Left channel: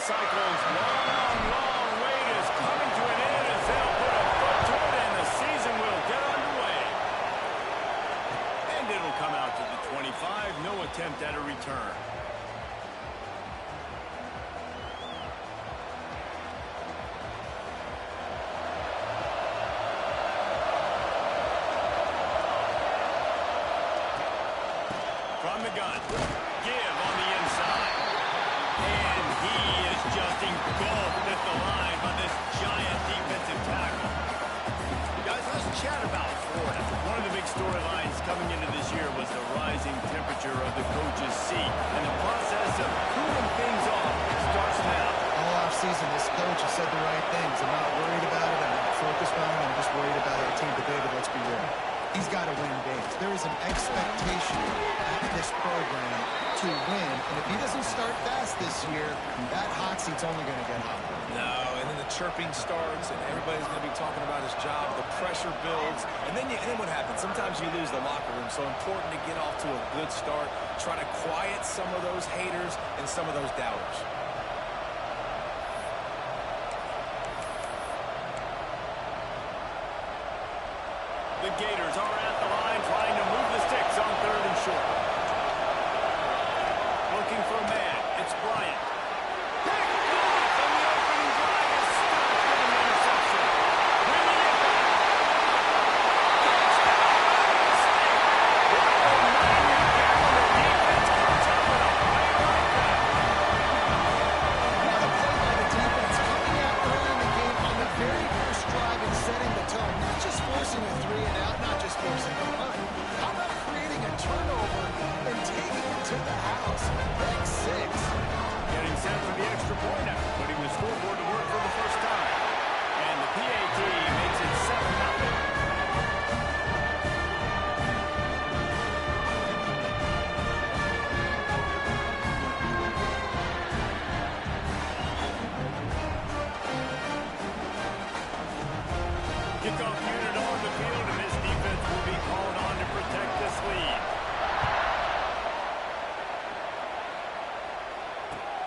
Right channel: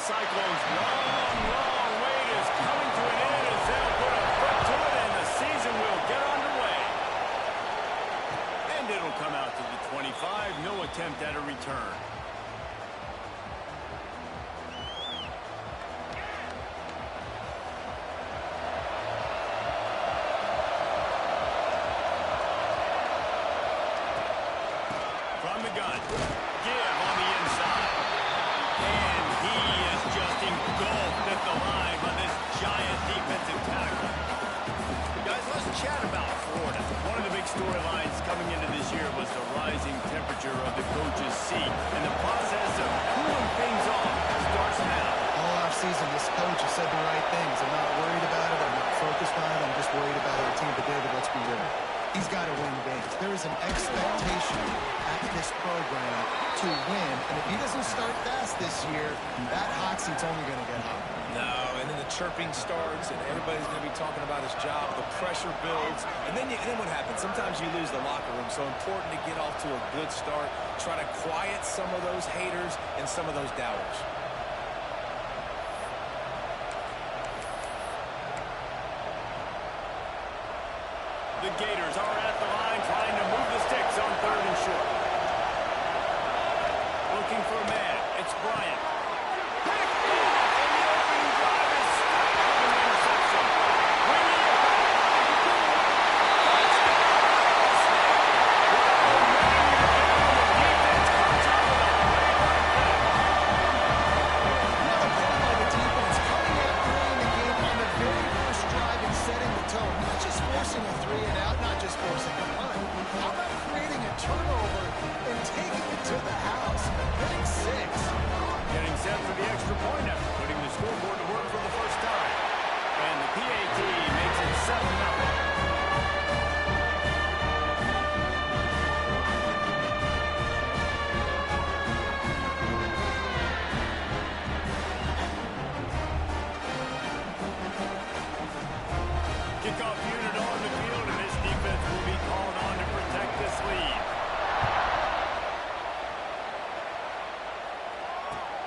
Cyclones' long wait is coming to an end as they'll put a foot to it and the season will get underway. And it'll come out to the 25. No attempt at a return. From the gun, give on the inside. And he is just engulfed at the line by this giant defensive tackle. Guys, let's chat about Florida. One of the big storylines coming into this year was the rising temperature of the coach's seat. And the process of cooling things off starts now. All offseason, this coach has said the right things. I'm not worried about it. I'm not focused on it. I'm just worried about our team. But, David, let's be real. He's got to win games. There is an expectation at this program to win. And if he doesn't start fast this year, that hot seat's only going to get hot. No, and then the chirping starts, and everybody's going to be talking about his job. The pressure builds. And then what happens? Sometimes you lose the locker room. So important to get off to a good start. Try to quiet some of those haters and some of those doubters. The Gators are at the line trying to move the sticks on 3rd and short. Looking for a man. It's Bryant. Picked off, and the opening drive is stopped with an interception. Bringing it back. Touchdown, Iowa State. What momentum you get when the defense comes up with a play like that. What a play by the defense, coming out early in the game on the very first drive and setting the tone. Not just forcing a 3 and out, not just forcing a punt. How about creating a turnover and taking it to the house? Pick 6. Getting set for the extra point after putting the scoreboard to work for the first time. And the PAT makes it 7-0. Kickoff unit on the field, and this defense will be called on to protect this lead.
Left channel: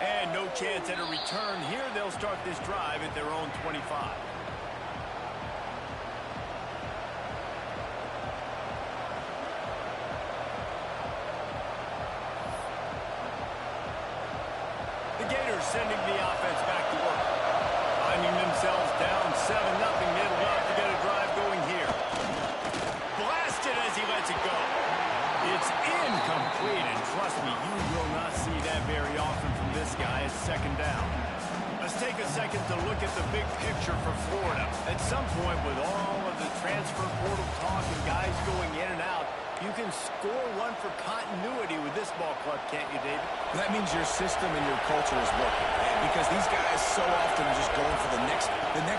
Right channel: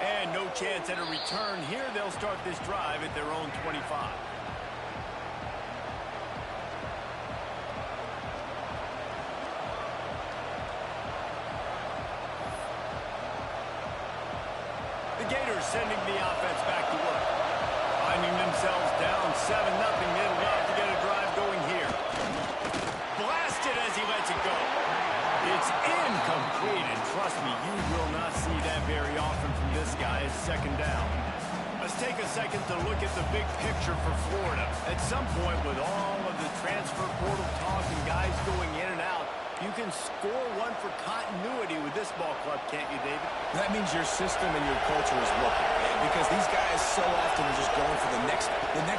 And no chance at a return here. They'll start this drive at their own 25. The Gators sending the offense back to work. Finding themselves down 7-0, they'd love to get a drive going here. Blasted as he lets it go. It's incomplete, and trust me, you will not see that very often from this guy. It's 2nd down. Let's take a second to look at the big picture for Florida. At some point, with all of the transfer portal talk and guys going in and out, you can score one for continuity with this ball club, can't you, David? That means your system and your culture is working. Because these guys so often are just going for the next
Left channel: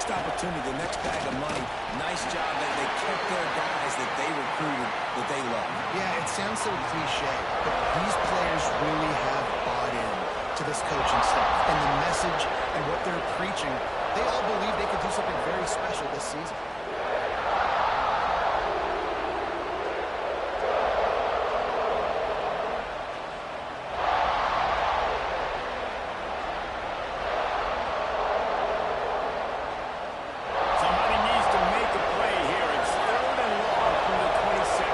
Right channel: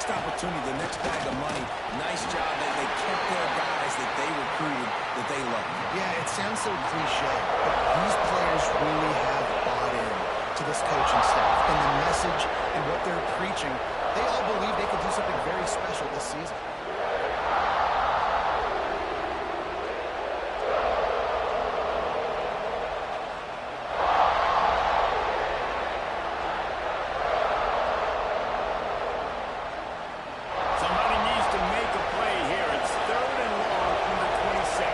opportunity, the next bag of money. Nice job that they kept their guys that they recruited, that they love. Yeah, it sounds so cliche, but these players really have bought in to this coaching staff and the message and what they're preaching. They all believe they could do something very special this season. Somebody needs to make a play here. It's 3rd and long from the 26.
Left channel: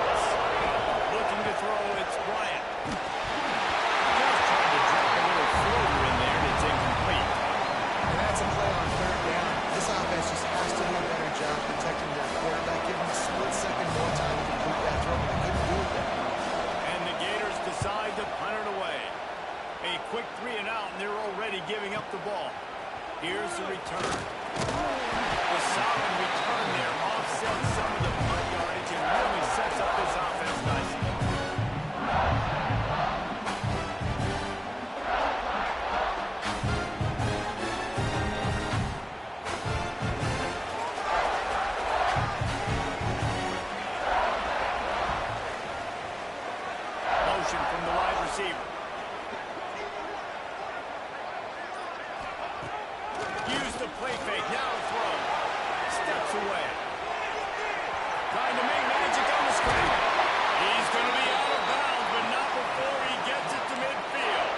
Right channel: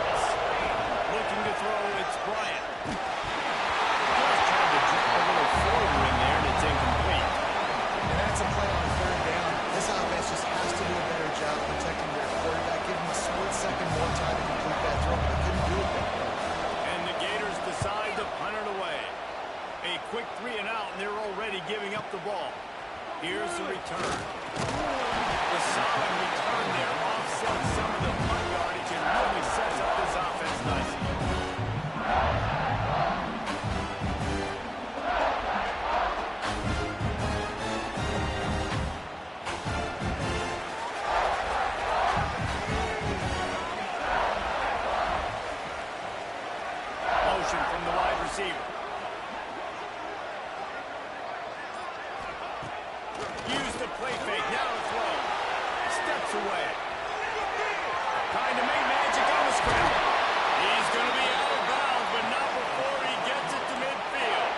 Looking to throw, it's Bryant. Just tried to drop a little floater in there, and it's incomplete. And that's a play on 3rd down. This offense just has to do a better job protecting their quarterback. Give them a split second more time to complete that throw, but they couldn't do it there. And the Gators decide to punt it away. A quick 3 and out, and they're already giving up the ball. Here's the return. A solid return there offsets some of the punt yardage and really sets up this offense nicely. Motion from the wide receiver. Use the play fake. Now to throw. Steps away. Trying to make magic on the scramble. He's going to be out of bounds, but not before he gets it to midfield.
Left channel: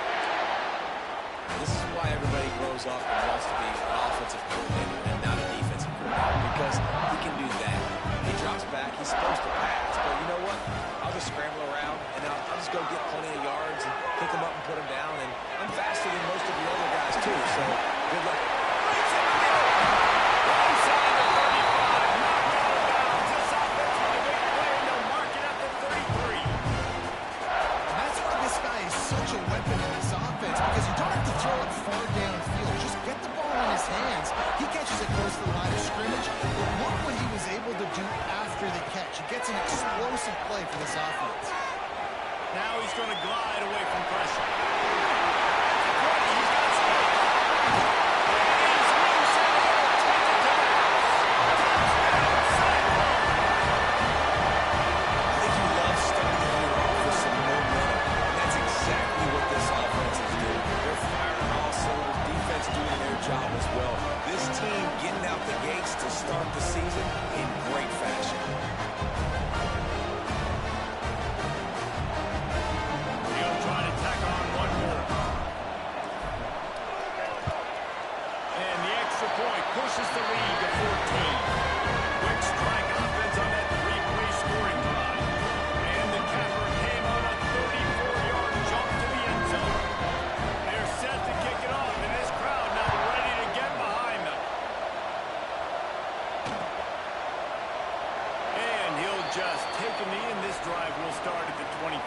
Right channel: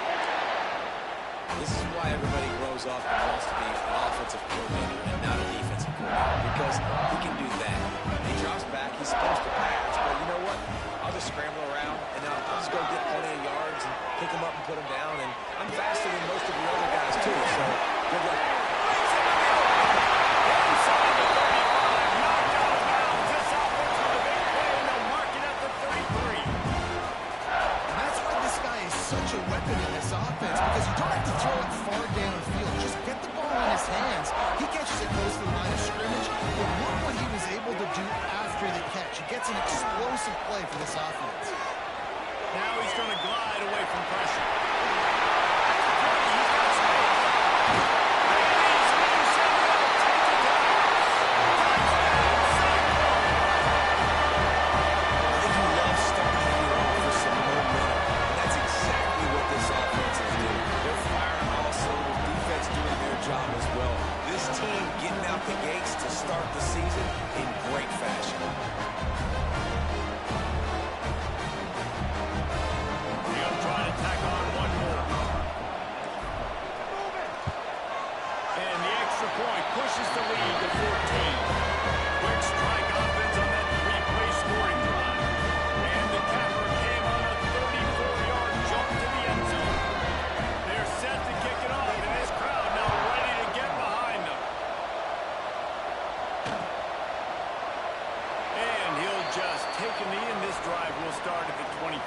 This is why everybody grows grows up and wants to be an offensive coordinator and not a defensive coordinator because he can do that. He drops back. He's supposed to pass, but you know what? I'll just scramble around, and I'll just go get plenty of yards and pick them up and put them down, and I'm faster than most of your other guys, too, so good luck. Inside the 35, knocked out of bounds. This offense with a big play, and they'll mark it at the 33. And that's why this guy is such a weapon in this offense, because you don't have to throw it far downfield. Just get the ball in his hands. He catches it close to the line of scrimmage, but look what he was able to do after the catch. He gets an explosive play for this offense. Now he's going to glide away from pressure. That's 20. He's got space. And he's loose, and he'll take it to the house. Touchdown, Cyclone. I think you love starting the year off with some momentum, and that's exactly what this offense is doing. They're firing all cylinders, defense doing their job as well. This team getting out the gates to start the season in great fashion. He'll try to tack on one more. And the extra point pushes the lead to 14. Quick strike offense on that three-play scoring drive. And the capper came on a 34-yard jump to the end zone. They're set to kick it off, and this crowd now ready to get behind them. And he'll just take a knee, and this drive will start at the 25.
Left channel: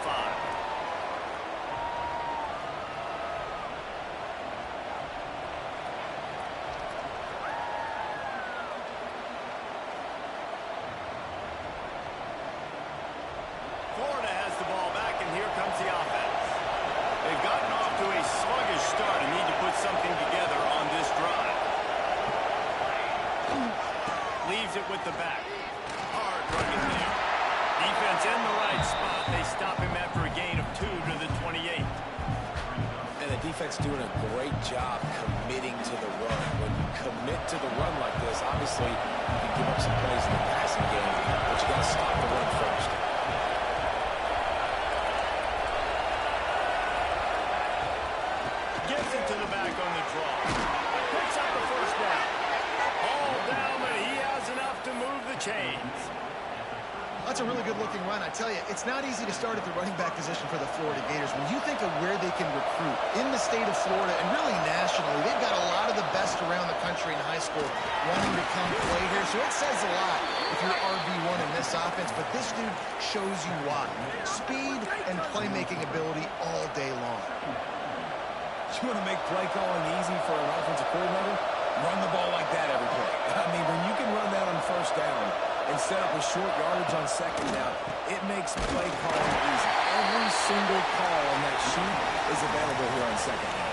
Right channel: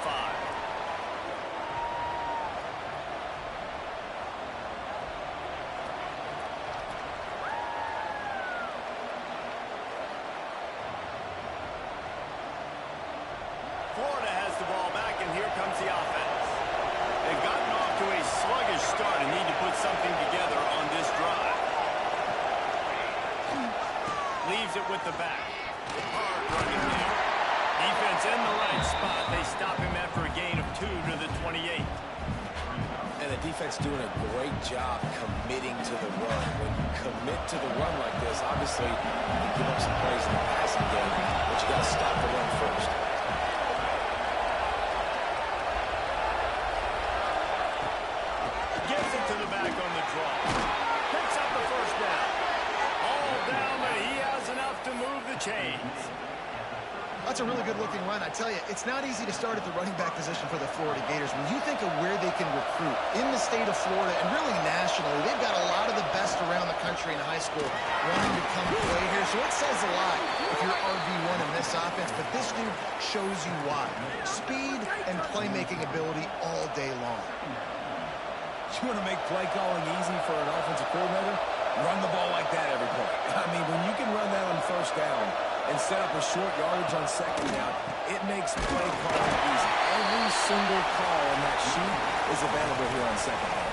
Florida has the ball back, and here comes the offense. They've gotten off to a sluggish start and need to put something together on this drive. Leaves it with the back. Hard running there. Defense in the right spot. They stop him after a gain of 2 to the 28. And the defense doing a great job committing to the run. When you commit to the run like this, obviously you can give up some plays in the passing game, but you got to stop the run first. Gives it to the back on the draw. Picks up the first down. All down, but he has enough to move the chains. That's a really good-looking run. I tell you, it's not easy to start at the running back position for the Florida Gators. When you think of where they can recruit in the state of Florida and really nationally, they've got a lot of the best around the country in high school wanting to come play here. So it says a lot if you're RB1 in this offense, but this dude shows you why. Speed and playmaking ability all day long. You want to make play calling easy for an offensive coordinator? Run the ball like that every play. I mean, when you can run that on first down and set up a short yardage on second down, it makes play calling easy. Every single call on that sheet is available here on second down.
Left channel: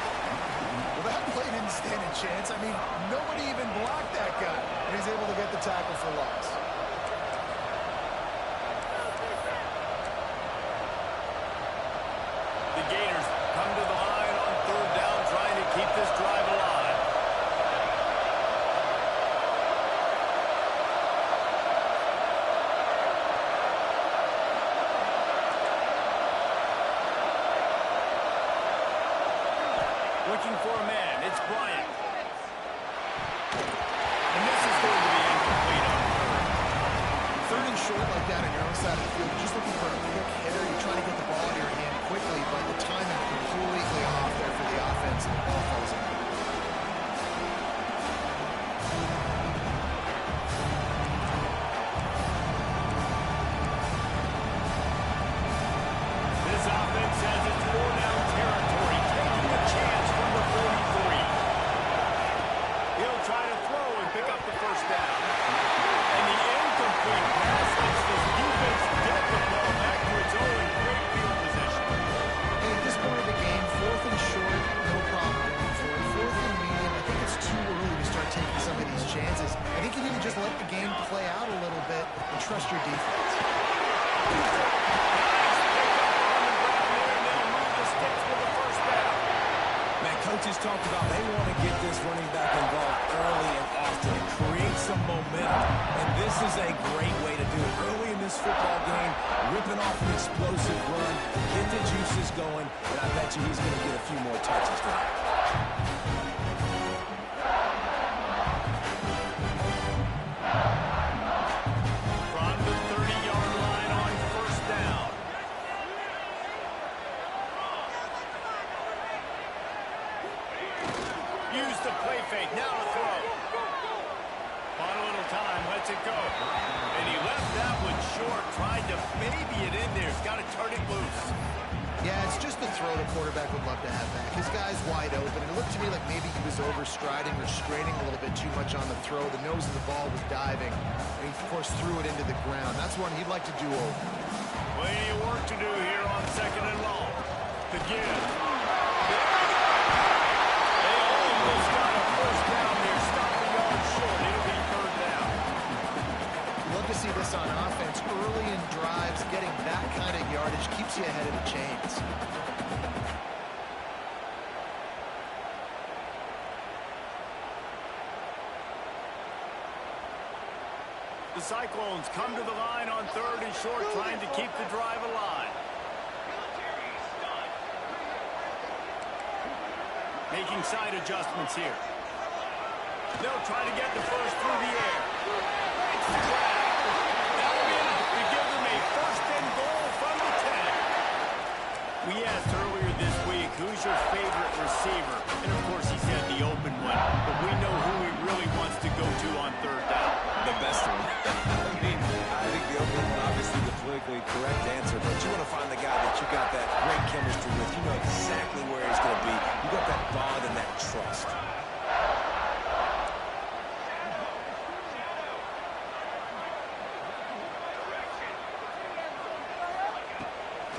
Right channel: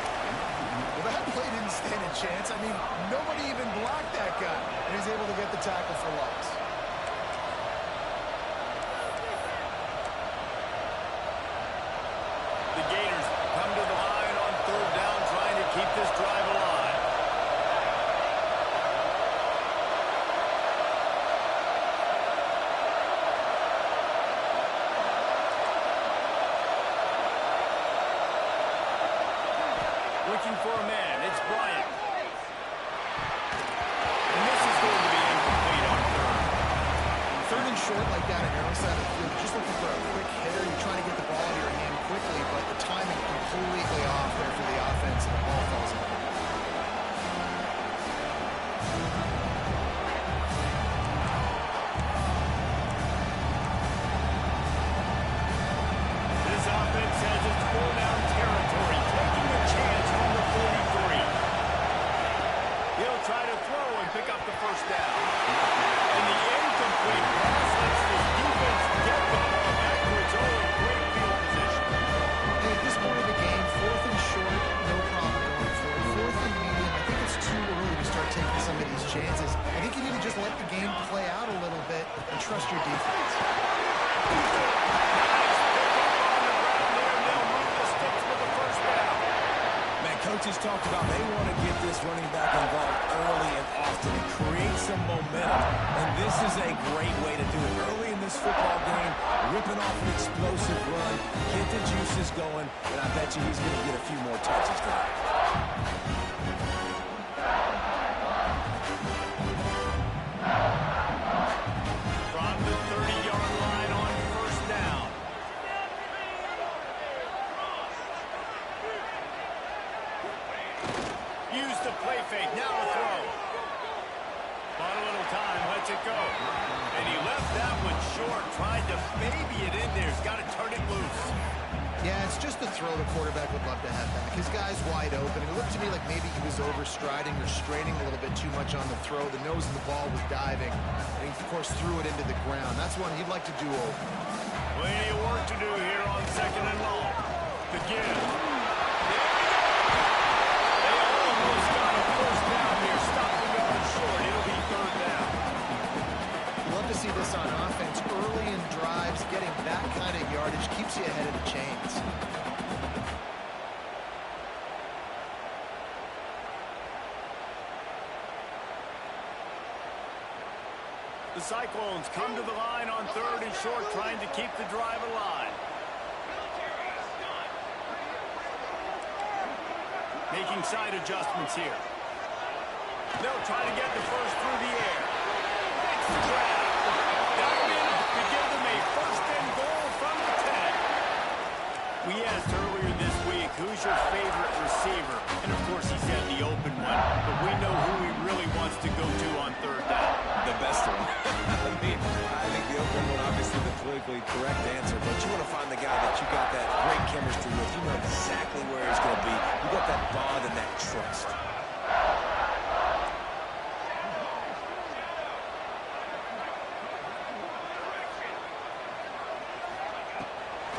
Well, that play didn't stand a chance. I mean, nobody even blocked that guy, and he's able to get the tackle for loss. The Gators come to the line on third down, trying to keep this drive alive. Looking for a man. It's Bryant. And this is going to be incomplete on third. Third and short like that on your own side of the field, you're just looking for a quick hitter. You're trying to get the ball out of your hand quickly, but the timing completely off there for the offense, and the ball falls incomplete. This offense says it's 4-down territory, taking a chance from the 43. He'll try to throw and pick up the first down. And the incomplete pass lets this defense get the ball back for its own great field position. Hey, at this point of the game, fourth and short, no problem going for it. Fourth and medium, I think it's too early to start taking some of these chances. I think you need to just let the game play out a little bit and trust your defense. Nice pick up on the ground there, and they'll move the sticks with the first down. Man, coaches talked about they want to get this running back involved early and often and create some momentum. And this is a great way to do it. Early in this football game, ripping off an explosive run, get the juices going, and I bet you he's going to get a few more touches tonight. it go. And he left that one short, tried to baby it in there. He's got to turn it loose. Yeah, it's just the throw the quarterback would love to have back. His guy's wide open, and it looked to me like maybe he was overstriding or straining a little bit too much on the throw. The nose of the ball was diving, and he, of course, threw it into the ground. That's one he'd like to do over. Plenty of work to do here on 2nd and long. The give. There we go. They almost got a first down there. Stop the yard short. It'll be 3rd down. Love to see this on offense. Early in drives, getting that kind of yardage keeps you ahead of the chains. The Cyclones come to the line on 3rd and short, trying to keep the drive alive. Making side adjustments here. They'll try to get the first through the air. Makes the grab. That'll be enough to give them a 1st and goal from the 10. We asked earlier this week, who's your favorite receiver? And of course he said the open one, but we know who he really wants to go to on 3rd down. The best one. I think the open one, obviously the politically correct answer, but you want to find the guy that you got that great chemistry with. You know exactly where he's going to be. You got that bond and that trust.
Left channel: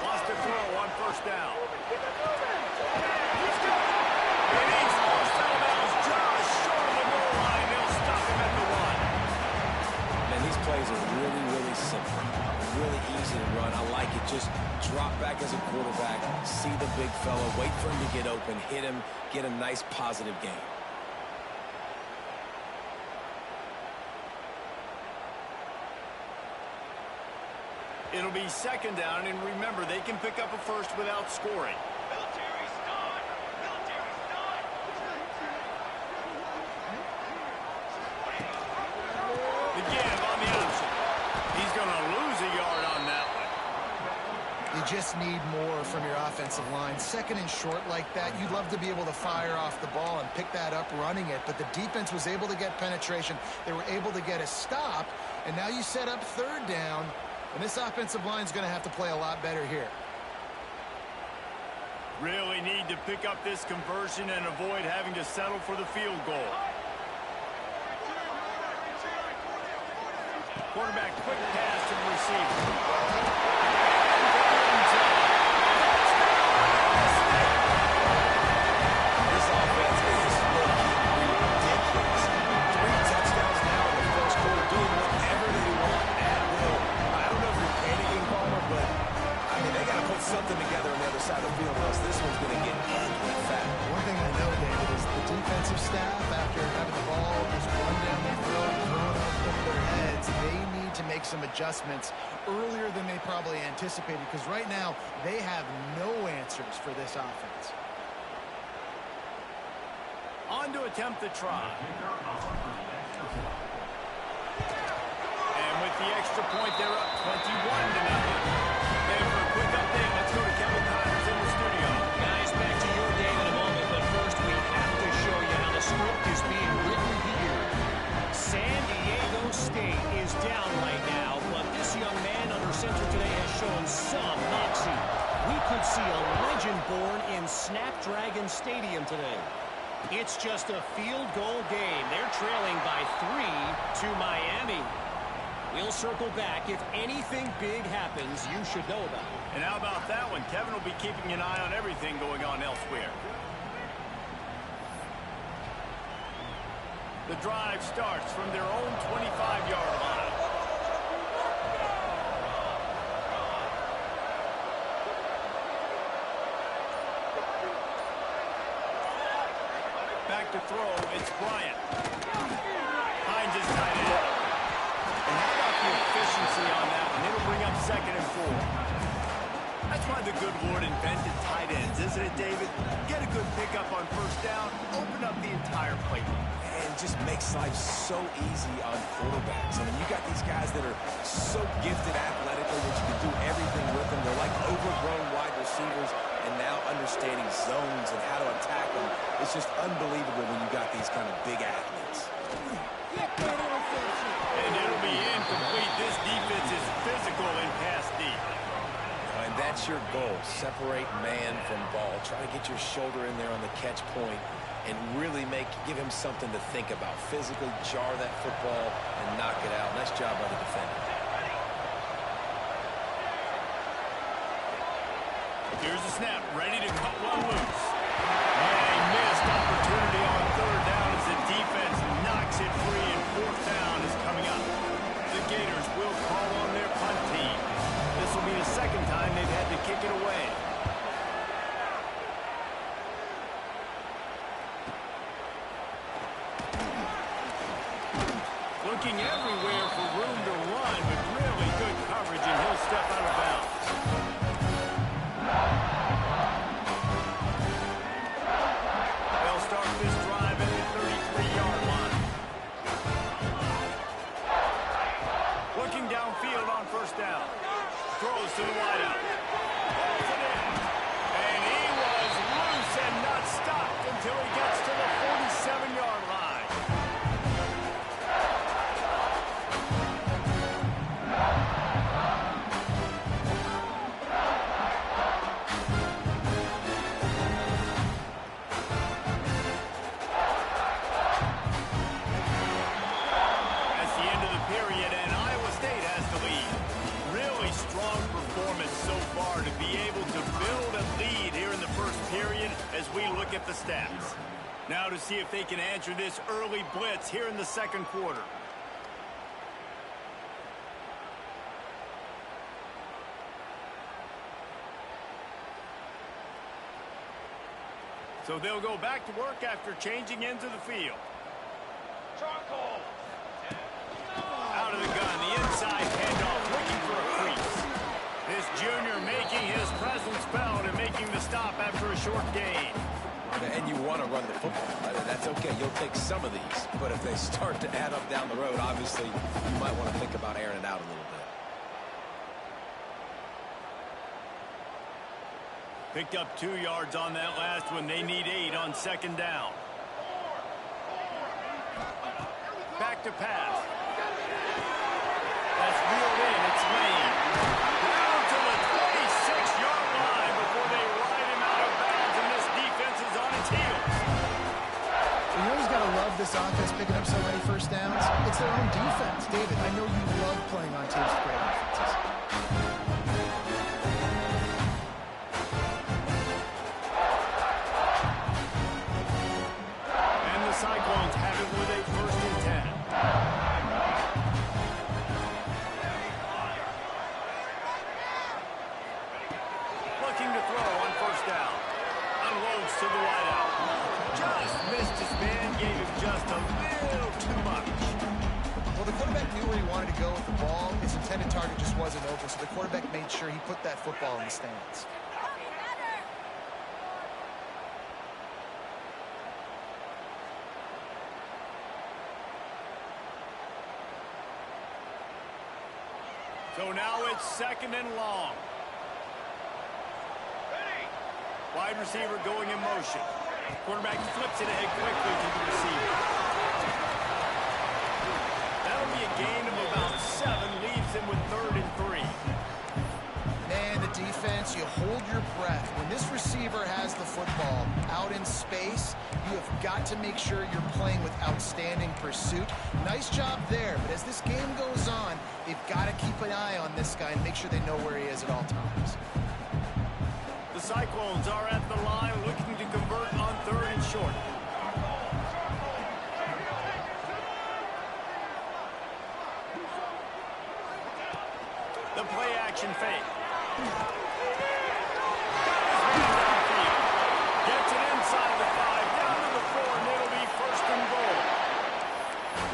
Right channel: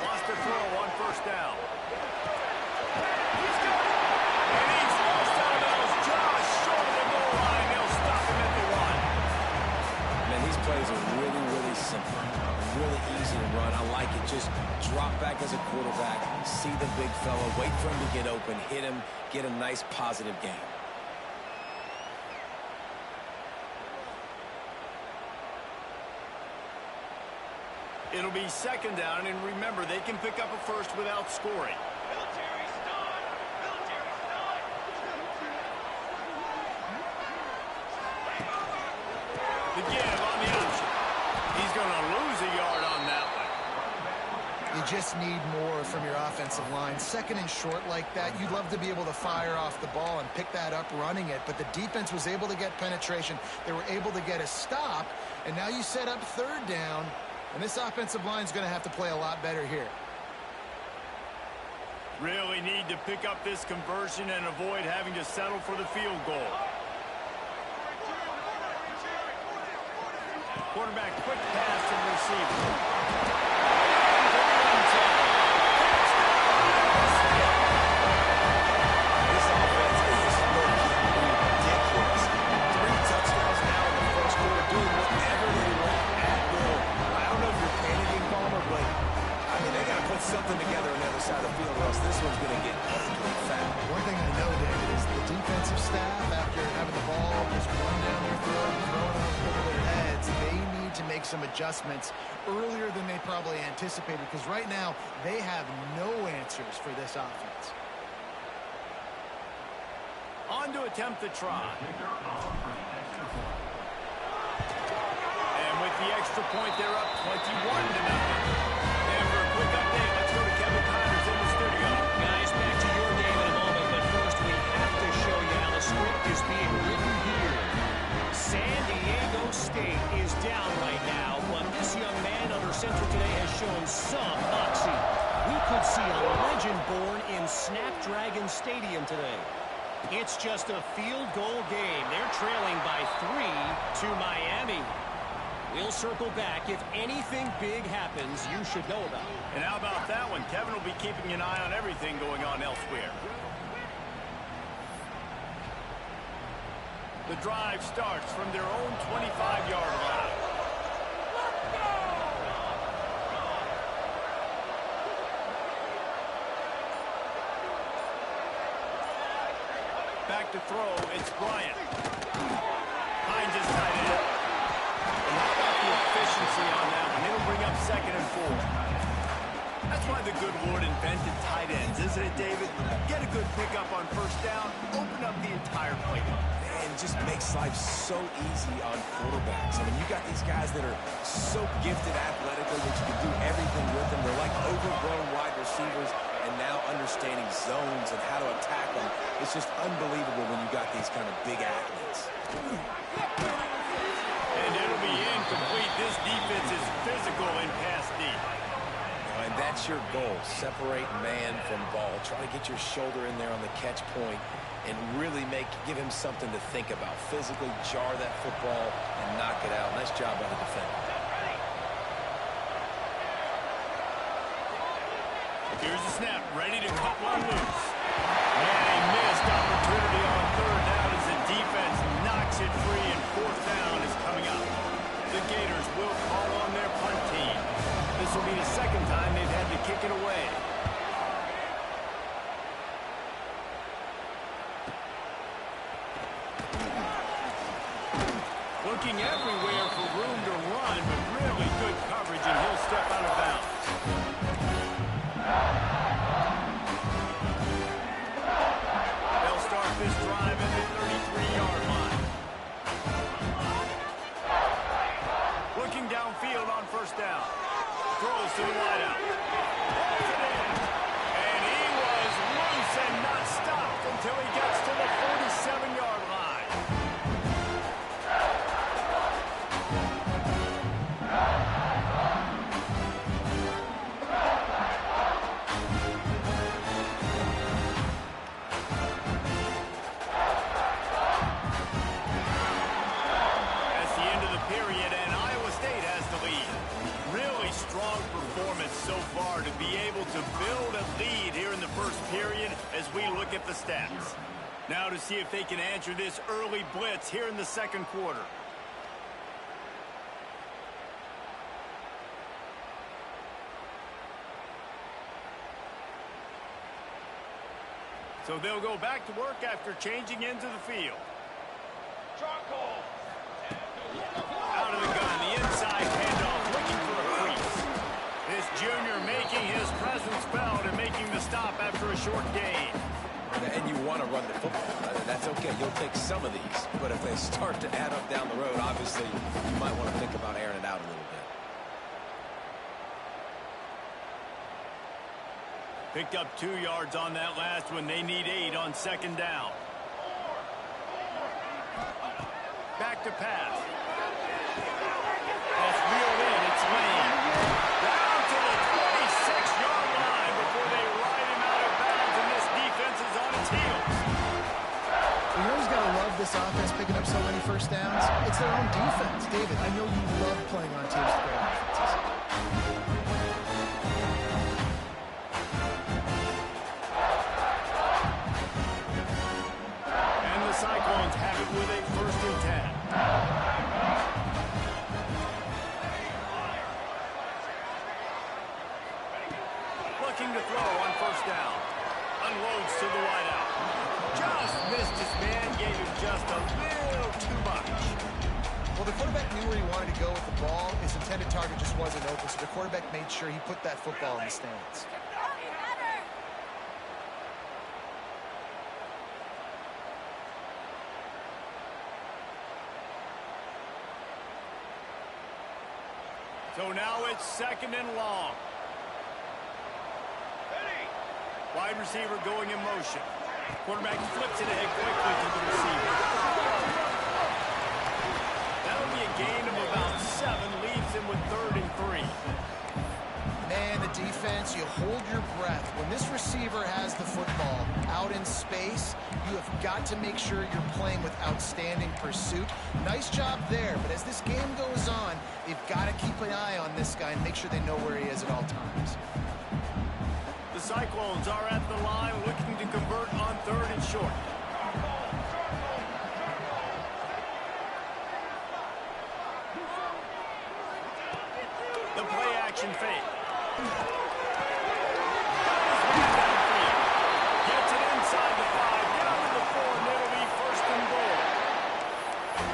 Lost a throw on 1st down. He's got it. And he's lost out of bounds just short of the goal line. They'll stop him at the 1. Man, these plays are really, really simple. Really easy to run. I like it. Just drop back as a quarterback, see the big fella, wait for him to get open, hit him, get a nice positive game. It'll be 2nd down, and remember, they can pick up a first without scoring. Military stun! Military stun! The give on the option. He's going to lose a yard on that one. You just need more from your offensive line. 2nd and short like that, you'd love to be able to fire off the ball and pick that up running it, but the defense was able to get penetration. They were able to get a stop, and now you set up 3rd down. And this offensive line is going to have to play a lot better here. Really need to pick up this conversion and avoid having to settle for the field goal. Quarterback, quick pass to the receiver. And to the end zone. Touchdown, Iowa State! This offense is looking ridiculous. 3 touchdowns now in the 1st quarter, doing whatever they want at will. I don't know if you're panicking, Palmer, but, I mean, they got to put something together on the other side of the field, or else this one's going to get ugly fat. One thing I know, David, is the defensive staff, after having the ball just run down their throat and thrown over their heads, they need to make some adjustments earlier than they probably anticipated, because right now they have no answers for this offense. On to attempt the try. And with the extra point, they're up 21-0. And for a quick update, let's go to Kevin Connors in the studio. Guys, back to your game in a moment, but first we have to show you how the script is being written here. San Diego State is down right now, but this young man under center today has shown some moxie. We could see a legend born in Snapdragon Stadium today. It's just a field goal game. They're trailing by 3 to Miami. We'll circle back. If anything big happens, you should know about it. And how about that one? Kevin will be keeping an eye on everything going on elsewhere. The drive starts from their own 25-yard line. Back to throw, it's Bryant. Hines is tight end. And how about the efficiency on that one? It'll bring up 2nd and 4. That's why the good Lord invented tight ends, isn't it, David? Get a good pickup on 1st down, open up the entire playbook. And just makes life so easy on quarterbacks. I mean, you got these guys that are so gifted athletically that you can do everything with them. They're like overgrown wide receivers, and now understanding zones and how to attack them. It's just unbelievable when you got these kind of big athletes. And it'll be This defense is physical and pass deep. And that's your goal. Separate man from ball. Try to get your shoulder in there on the catch point and really give him something to think about. Physically jar that football and knock it out. Nice job by the defender. Here's the snap, ready to cut one loose. And a missed opportunity on third down as the defense knocks it free, and fourth down is coming up. The Gators will call on their punt team. This will be the second time they've had to kick it away. Looking everywhere for room to run, but really good coverage, and he'll step out of bounds. They'll start this drive at the 33-yard line. Looking downfield on first down. Throws to the wideout. Holds it in. And he was loose and not stopped until he gets to the 47-yard line. Period, and Iowa State has the lead. Really strong performance so far to be able to build a lead here in the first period as we look at the stats. Now to see if they can answer this early blitz here in the second quarter. So they'll go back to work after changing into the field. Charcoal. Out of the gun, the inside handoff, looking for a crease. This junior making his presence felt and making the stop after a short gain. And you want to run the football. That's okay. You'll take some of these. But if they start to add up down the road, obviously, you might want to think about airing it out a little bit. Picked up 2 yards on that last one. They need 8 on second down. Back to pass. That's reeled in. It's Lane. Down to the 26-yard line before they ride him out of bounds, and this defense is on its heels. You know who's got to love this offense picking up so many first downs? It's their own defense. David, I know you love playing on teams with great offenses. And the Cyclones have it with a 1st and 10. Looking to throw on first down. Unloads to the wideout. Just missed his man, gave him just a little too much. Well, the quarterback knew where he wanted to go with the ball. His intended target just wasn't open, so the quarterback made sure he put that football in the stands. So now it's 2nd and long. Wide receiver going in motion. Quarterback flips it ahead quickly to the receiver. That'll be a gain of about 7, leaves him with 3rd and 3. Man, the defense, you hold your breath. When this receiver has the football out in space, you have got to make sure you're playing with outstanding pursuit. Nice job there, but as this game goes on, they've got to keep an eye on this guy and make sure they know where he is at all times. The Cyclones are at the line looking to convert on 3rd and short. The play action fake. Got his man downfield. Gets it inside the 5, down to the 4, and it'll be 1st and goal.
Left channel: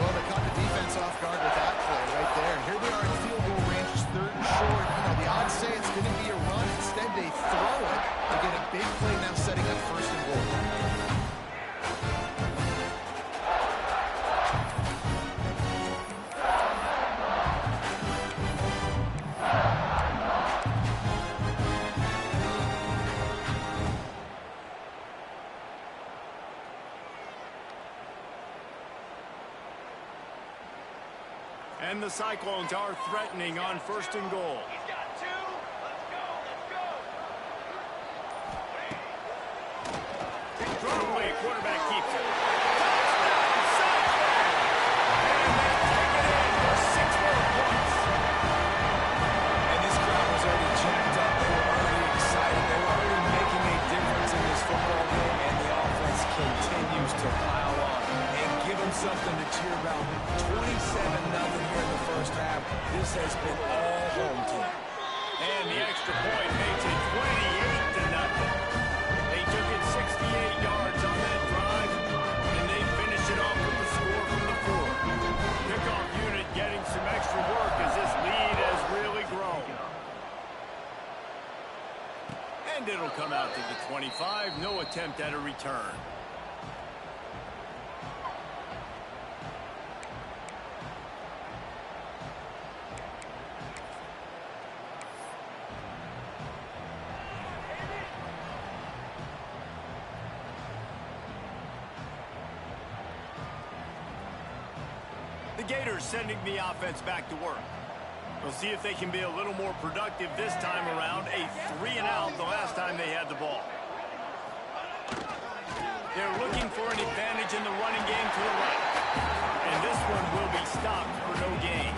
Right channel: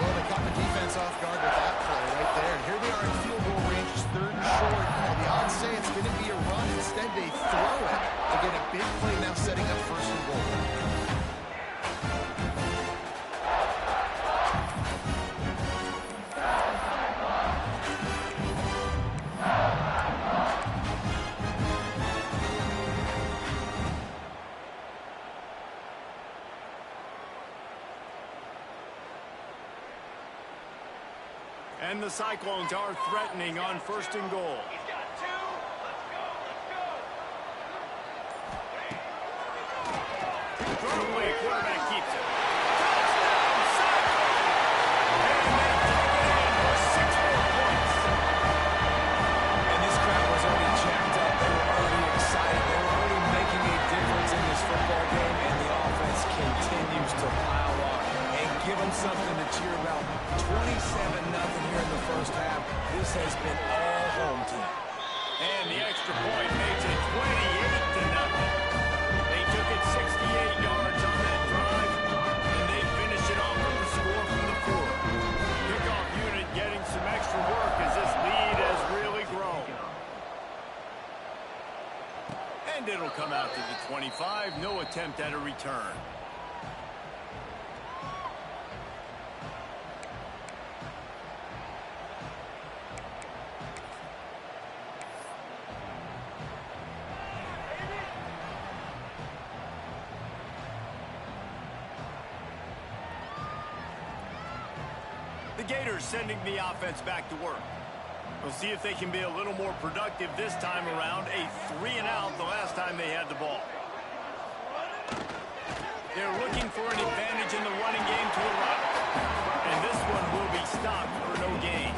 Well, they caught the defense off guard with that play right there. And here they are in field goal range, 3rd and short. You know, the odds say it's going to be a run. Instead, they throw it. They get a big play now setting up 1st and goal. And the Cyclones are threatening on 1st and goal. He's got 2. Let's go. Let's go. Throw away. Quarterback keeps it. Touchdown, Cyclones! And they take it in for 6 more points. And this crowd was already jacked up. They were already excited. They were already making a difference in this football game, and the offense continues to pile on and give them something to cheer about. 27-0 here in the first half. This has been all home team. And the extra point makes it 28-0. They took it 68 yards on that drive, and they finish it off with the score from the 4. Kickoff unit getting some extra work as this lead has really grown. And it'll come out to the 25. No attempt at a return. The Gators sending the offense back to work. We'll see if they can be a little more productive this time around. A 3-and-out the last time they had the ball. They're looking for an advantage in the running game to the right. And this one will be stopped for no gain.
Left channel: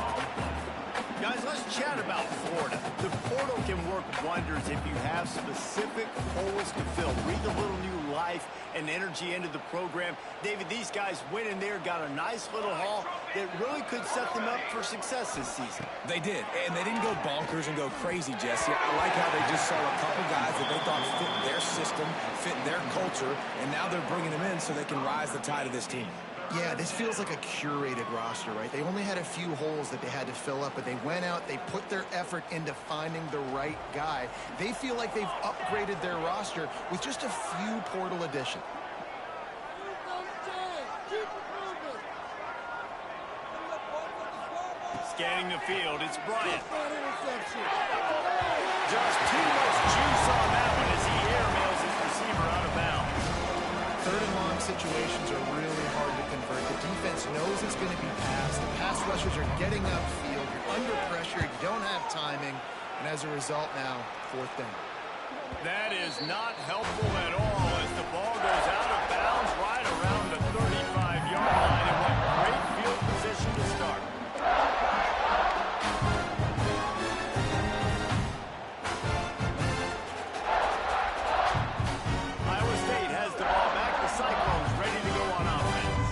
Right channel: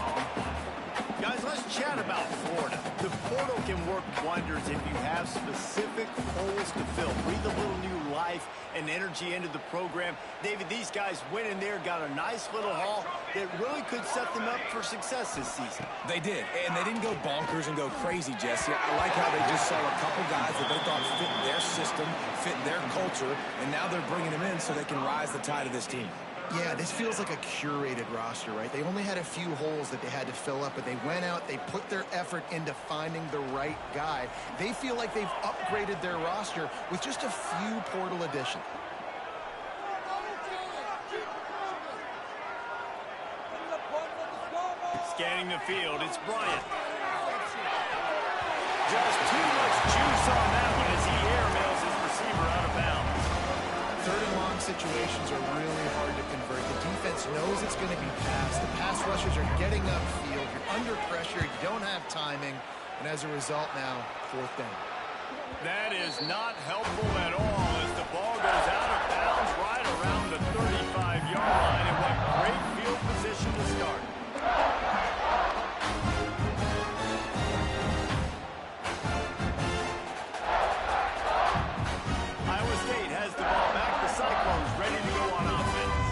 Guys, let's chat about Florida. The portal can work wonders if you have specific holes to fill. Breathe a little new life and energy into the program. David, these guys went in there, got a nice little haul that really could set them up for success this season. They did, and they didn't go bonkers and go crazy, Jesse. I like how they just saw a couple guys that they thought fit their system, fit their culture, and now they're bringing them in so they can rise the tide of this team. Yeah, this feels like a curated roster, right? They only had a few holes that they had to fill up, but they went out, they put their effort into finding the right guy. They feel like they've upgraded their roster with just a few portal additions. Scanning the field, it's Bryant. Just too much juice on that one as he airmails his receiver out of bounds. 3rd and long situations are really hard to convert. The defense knows it's going to be passed. The pass rushers are getting upfield. You're under pressure. You don't have timing. And as a result now, 4th down. That is not helpful at all as the ball goes out of bounds right around the 35-yard line. And what great field position to start. Iowa State has the ball back. The Cyclones ready to go on offense.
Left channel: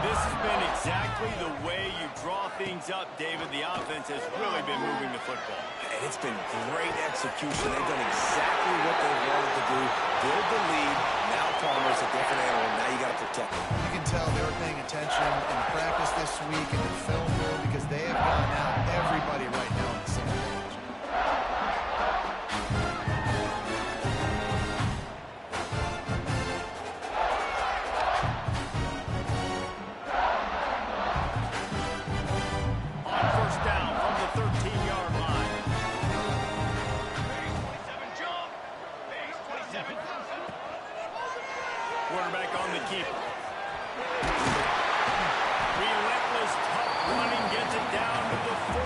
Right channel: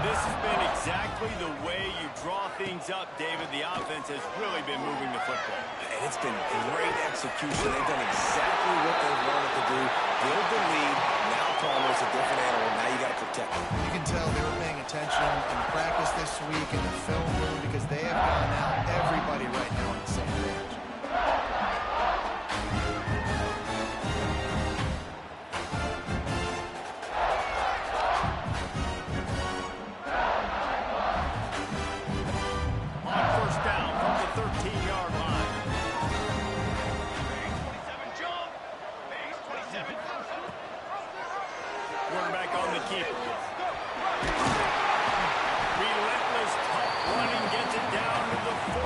This has been exactly the way you draw things up, David. The offense has really been moving the football. And it's been great execution. They've done exactly what they wanted to do. Build the lead. Now Palmer's a different animal. Now you got to protect him. You can tell they were paying attention in practice this week in the film room because they have gone out, everybody right now on the same page. On 1st down from the 13-yard line. Base 27 jump. Base 27. Quarterback on the keeper. Relentless, tough running gets it down to the 4.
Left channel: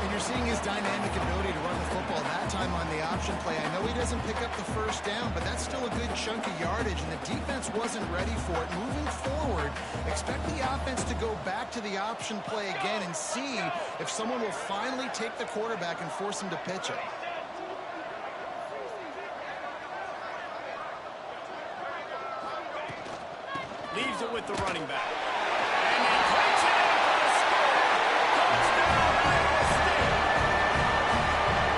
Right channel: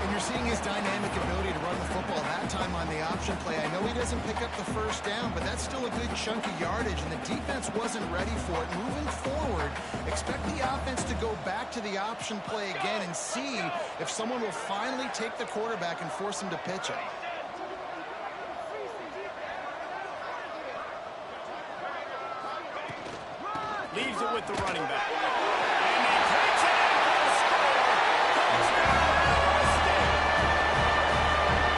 And you're seeing his dynamic ability to run the football, that time on the option play. I know he doesn't pick up the 1st down, but that's still a good chunk of yardage, and the defense wasn't ready for it. Moving forward, expect the offense to go back to the option play again and see if someone will finally take the quarterback and force him to pitch it. Leaves it with the running back. And he takes it in for the score. Touchdown, Iowa State.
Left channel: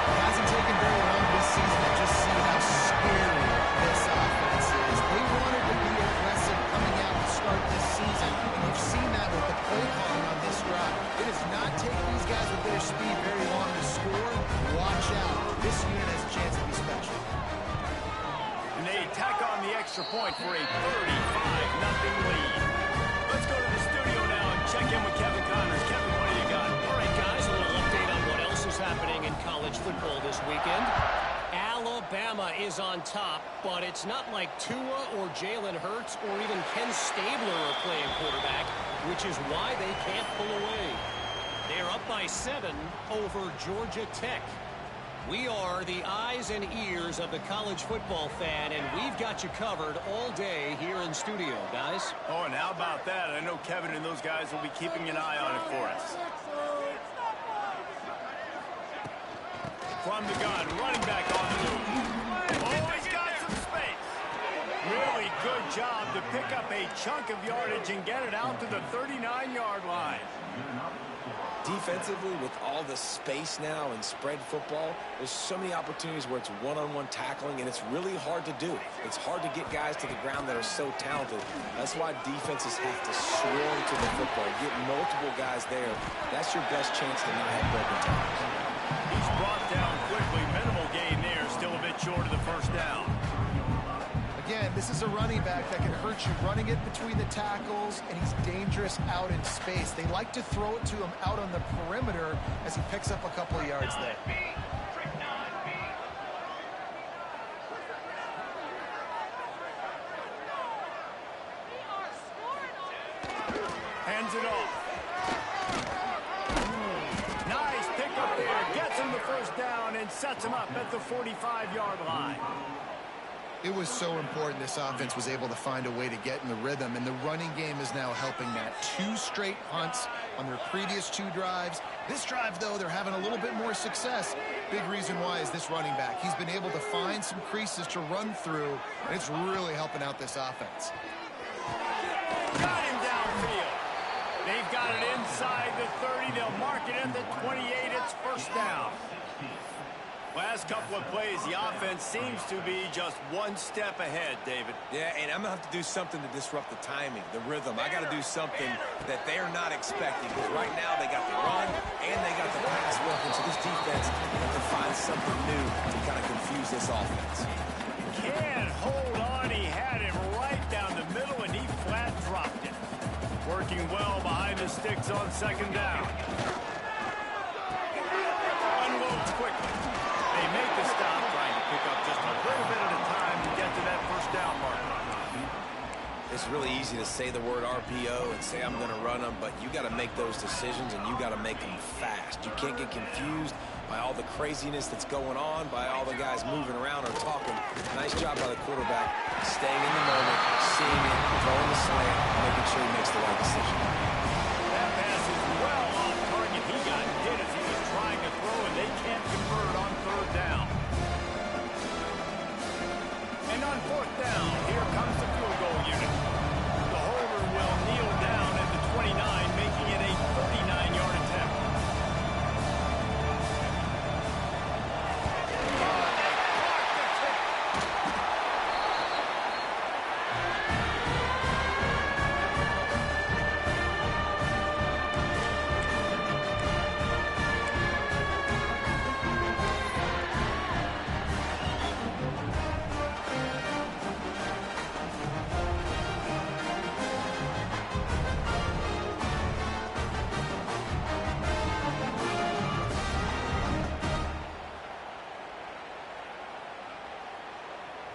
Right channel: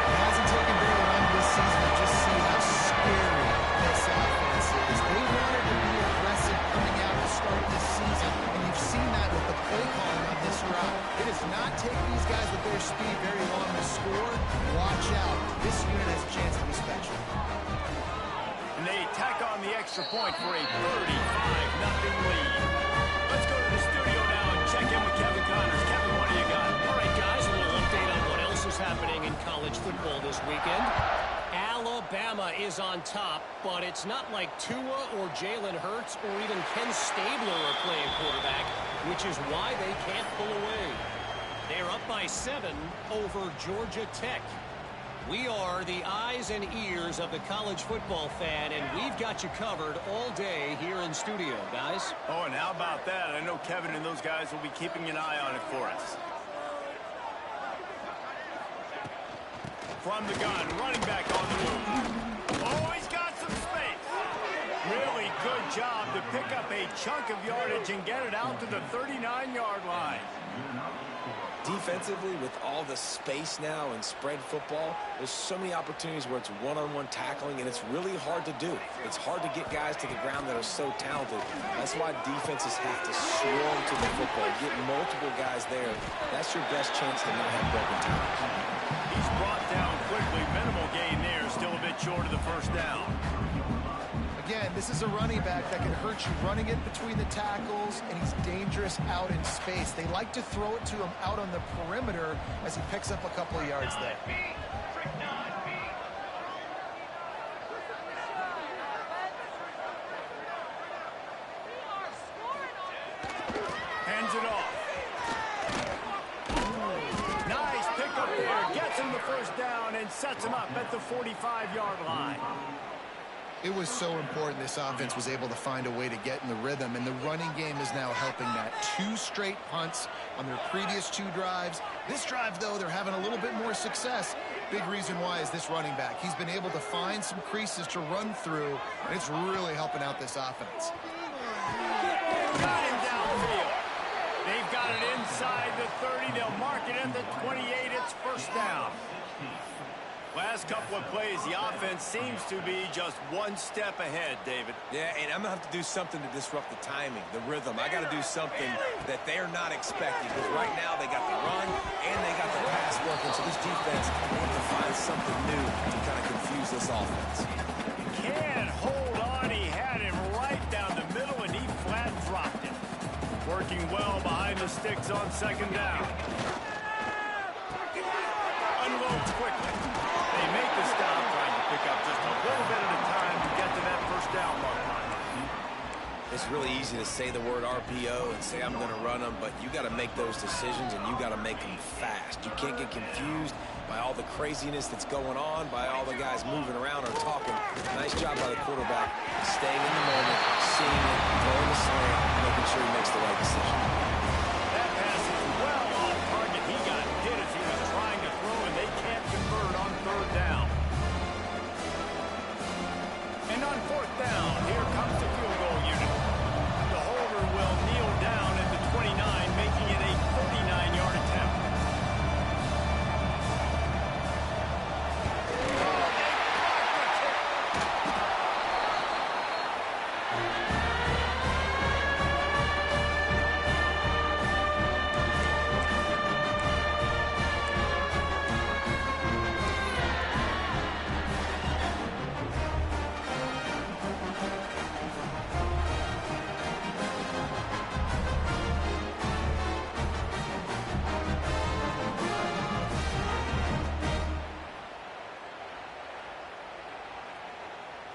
It hasn't taken very long this season to just see how scary this offense is. They wanted to be aggressive coming out to start this season, and you've seen that with the play calling on this drive. It does not take these guys with their speed very long to score. Watch out. This unit has a chance to be special. And they tack on the extra point for a 35-0 lead. Let's go to the studio now and check in with Kevin Connors. Kevin, what do you got? All right, guys, a little update on what else is happening in college football this weekend. Alabama is on top, but it's not like Tua or Jalen Hurts or even Ken Stabler are playing quarterback. which is why they can't pull away. They're up by 7 over Georgia Tech. We are the eyes and ears of the college football fan, and we've got you covered all day here in studio, guys. Oh, and how about that? I know Kevin and those guys will be keeping an eye on it for us. From the gun, running back on the move. Oh, he's got some space. Really good job to pick up a chunk of yardage and get it out to the 39-yard line. Defensively, with all the space now and spread football, there's so many opportunities where it's one-on-one tackling, and it's really hard to do. It's hard to get guys to the ground that are so talented. That's why defenses have to swarm to the football, get multiple guys there. That's your best chance to not have broken tackles. He's brought down quickly. Minimal gain there, still a bit short of the first down. Again, this is a running back that can hurt you running it between the tackles, and he's dangerous out in space. They like to throw it to him out on the perimeter as he picks up a couple of yards there. Hands it off. Nice pickup there. Gets him the first down and sets him up at the 45-yard line. It was so important this offense was able to find a way to get in the rhythm, and the running game is now helping that. 2 straight punts on their previous 2 drives. This drive, though, they're having a little bit more success. Big reason why is this running back. He's been able to find some creases to run through, and it's really helping out this offense. Got him downfield. They've got it inside the 30. They'll mark it at the 28. It's first down. Last couple of plays, the offense seems to be just one step ahead, David. Yeah, and I'm going to have to do something to disrupt the timing, the rhythm. I got to do something that they're not expecting, because right now they got the run and they got the pass working, so this defense has to find something new to kind of confuse this offense. Can't hold on. He had him right down the middle, and he flat dropped it. Working well behind the sticks on second down. Unloads quickly. They make the stop, trying to pick up just a little bit at a time to get to that first down marker. It's really easy to say the word RPO and say I'm going to run them, but you got to make those decisions and you got to make them fast. You can't get confused by all the craziness that's going on, by all the guys moving around or talking. Nice job by the quarterback, staying in the moment, seeing it, throwing the slant, making sure he makes the right decision. That pass is well off target. He got hit as he was trying to throw, and they can't convert on third down. And on fourth down, here comes the field goal unit. The holder will kneel down at the 29, making it a 39-yard attempt. Oh, they blocked the kick.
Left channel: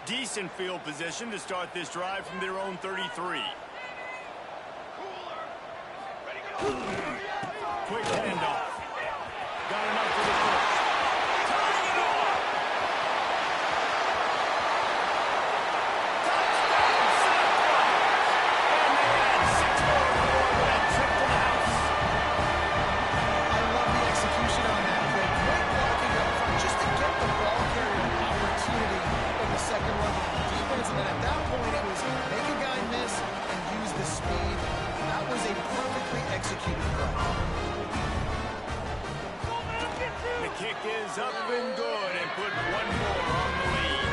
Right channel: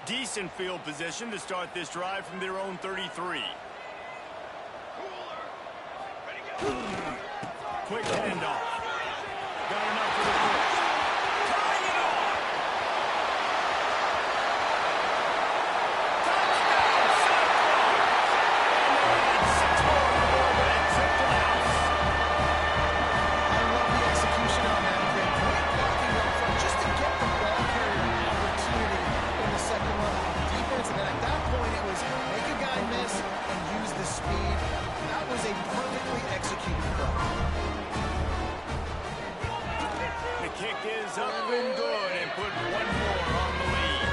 Decent field position to start this drive from their own 33. Quick handoff. Got enough for the first. Tying it off. Touchdown, Cyclones. And they had 6 more to go with that trip to the house. I love the execution on that play. Great blocking up front just to get the ball carrier an opportunity in the second run of the defense. And then at that point, it was make a guy miss and use the speed. That was a perfectly executed play. The kick is up and good and put one more on the lead.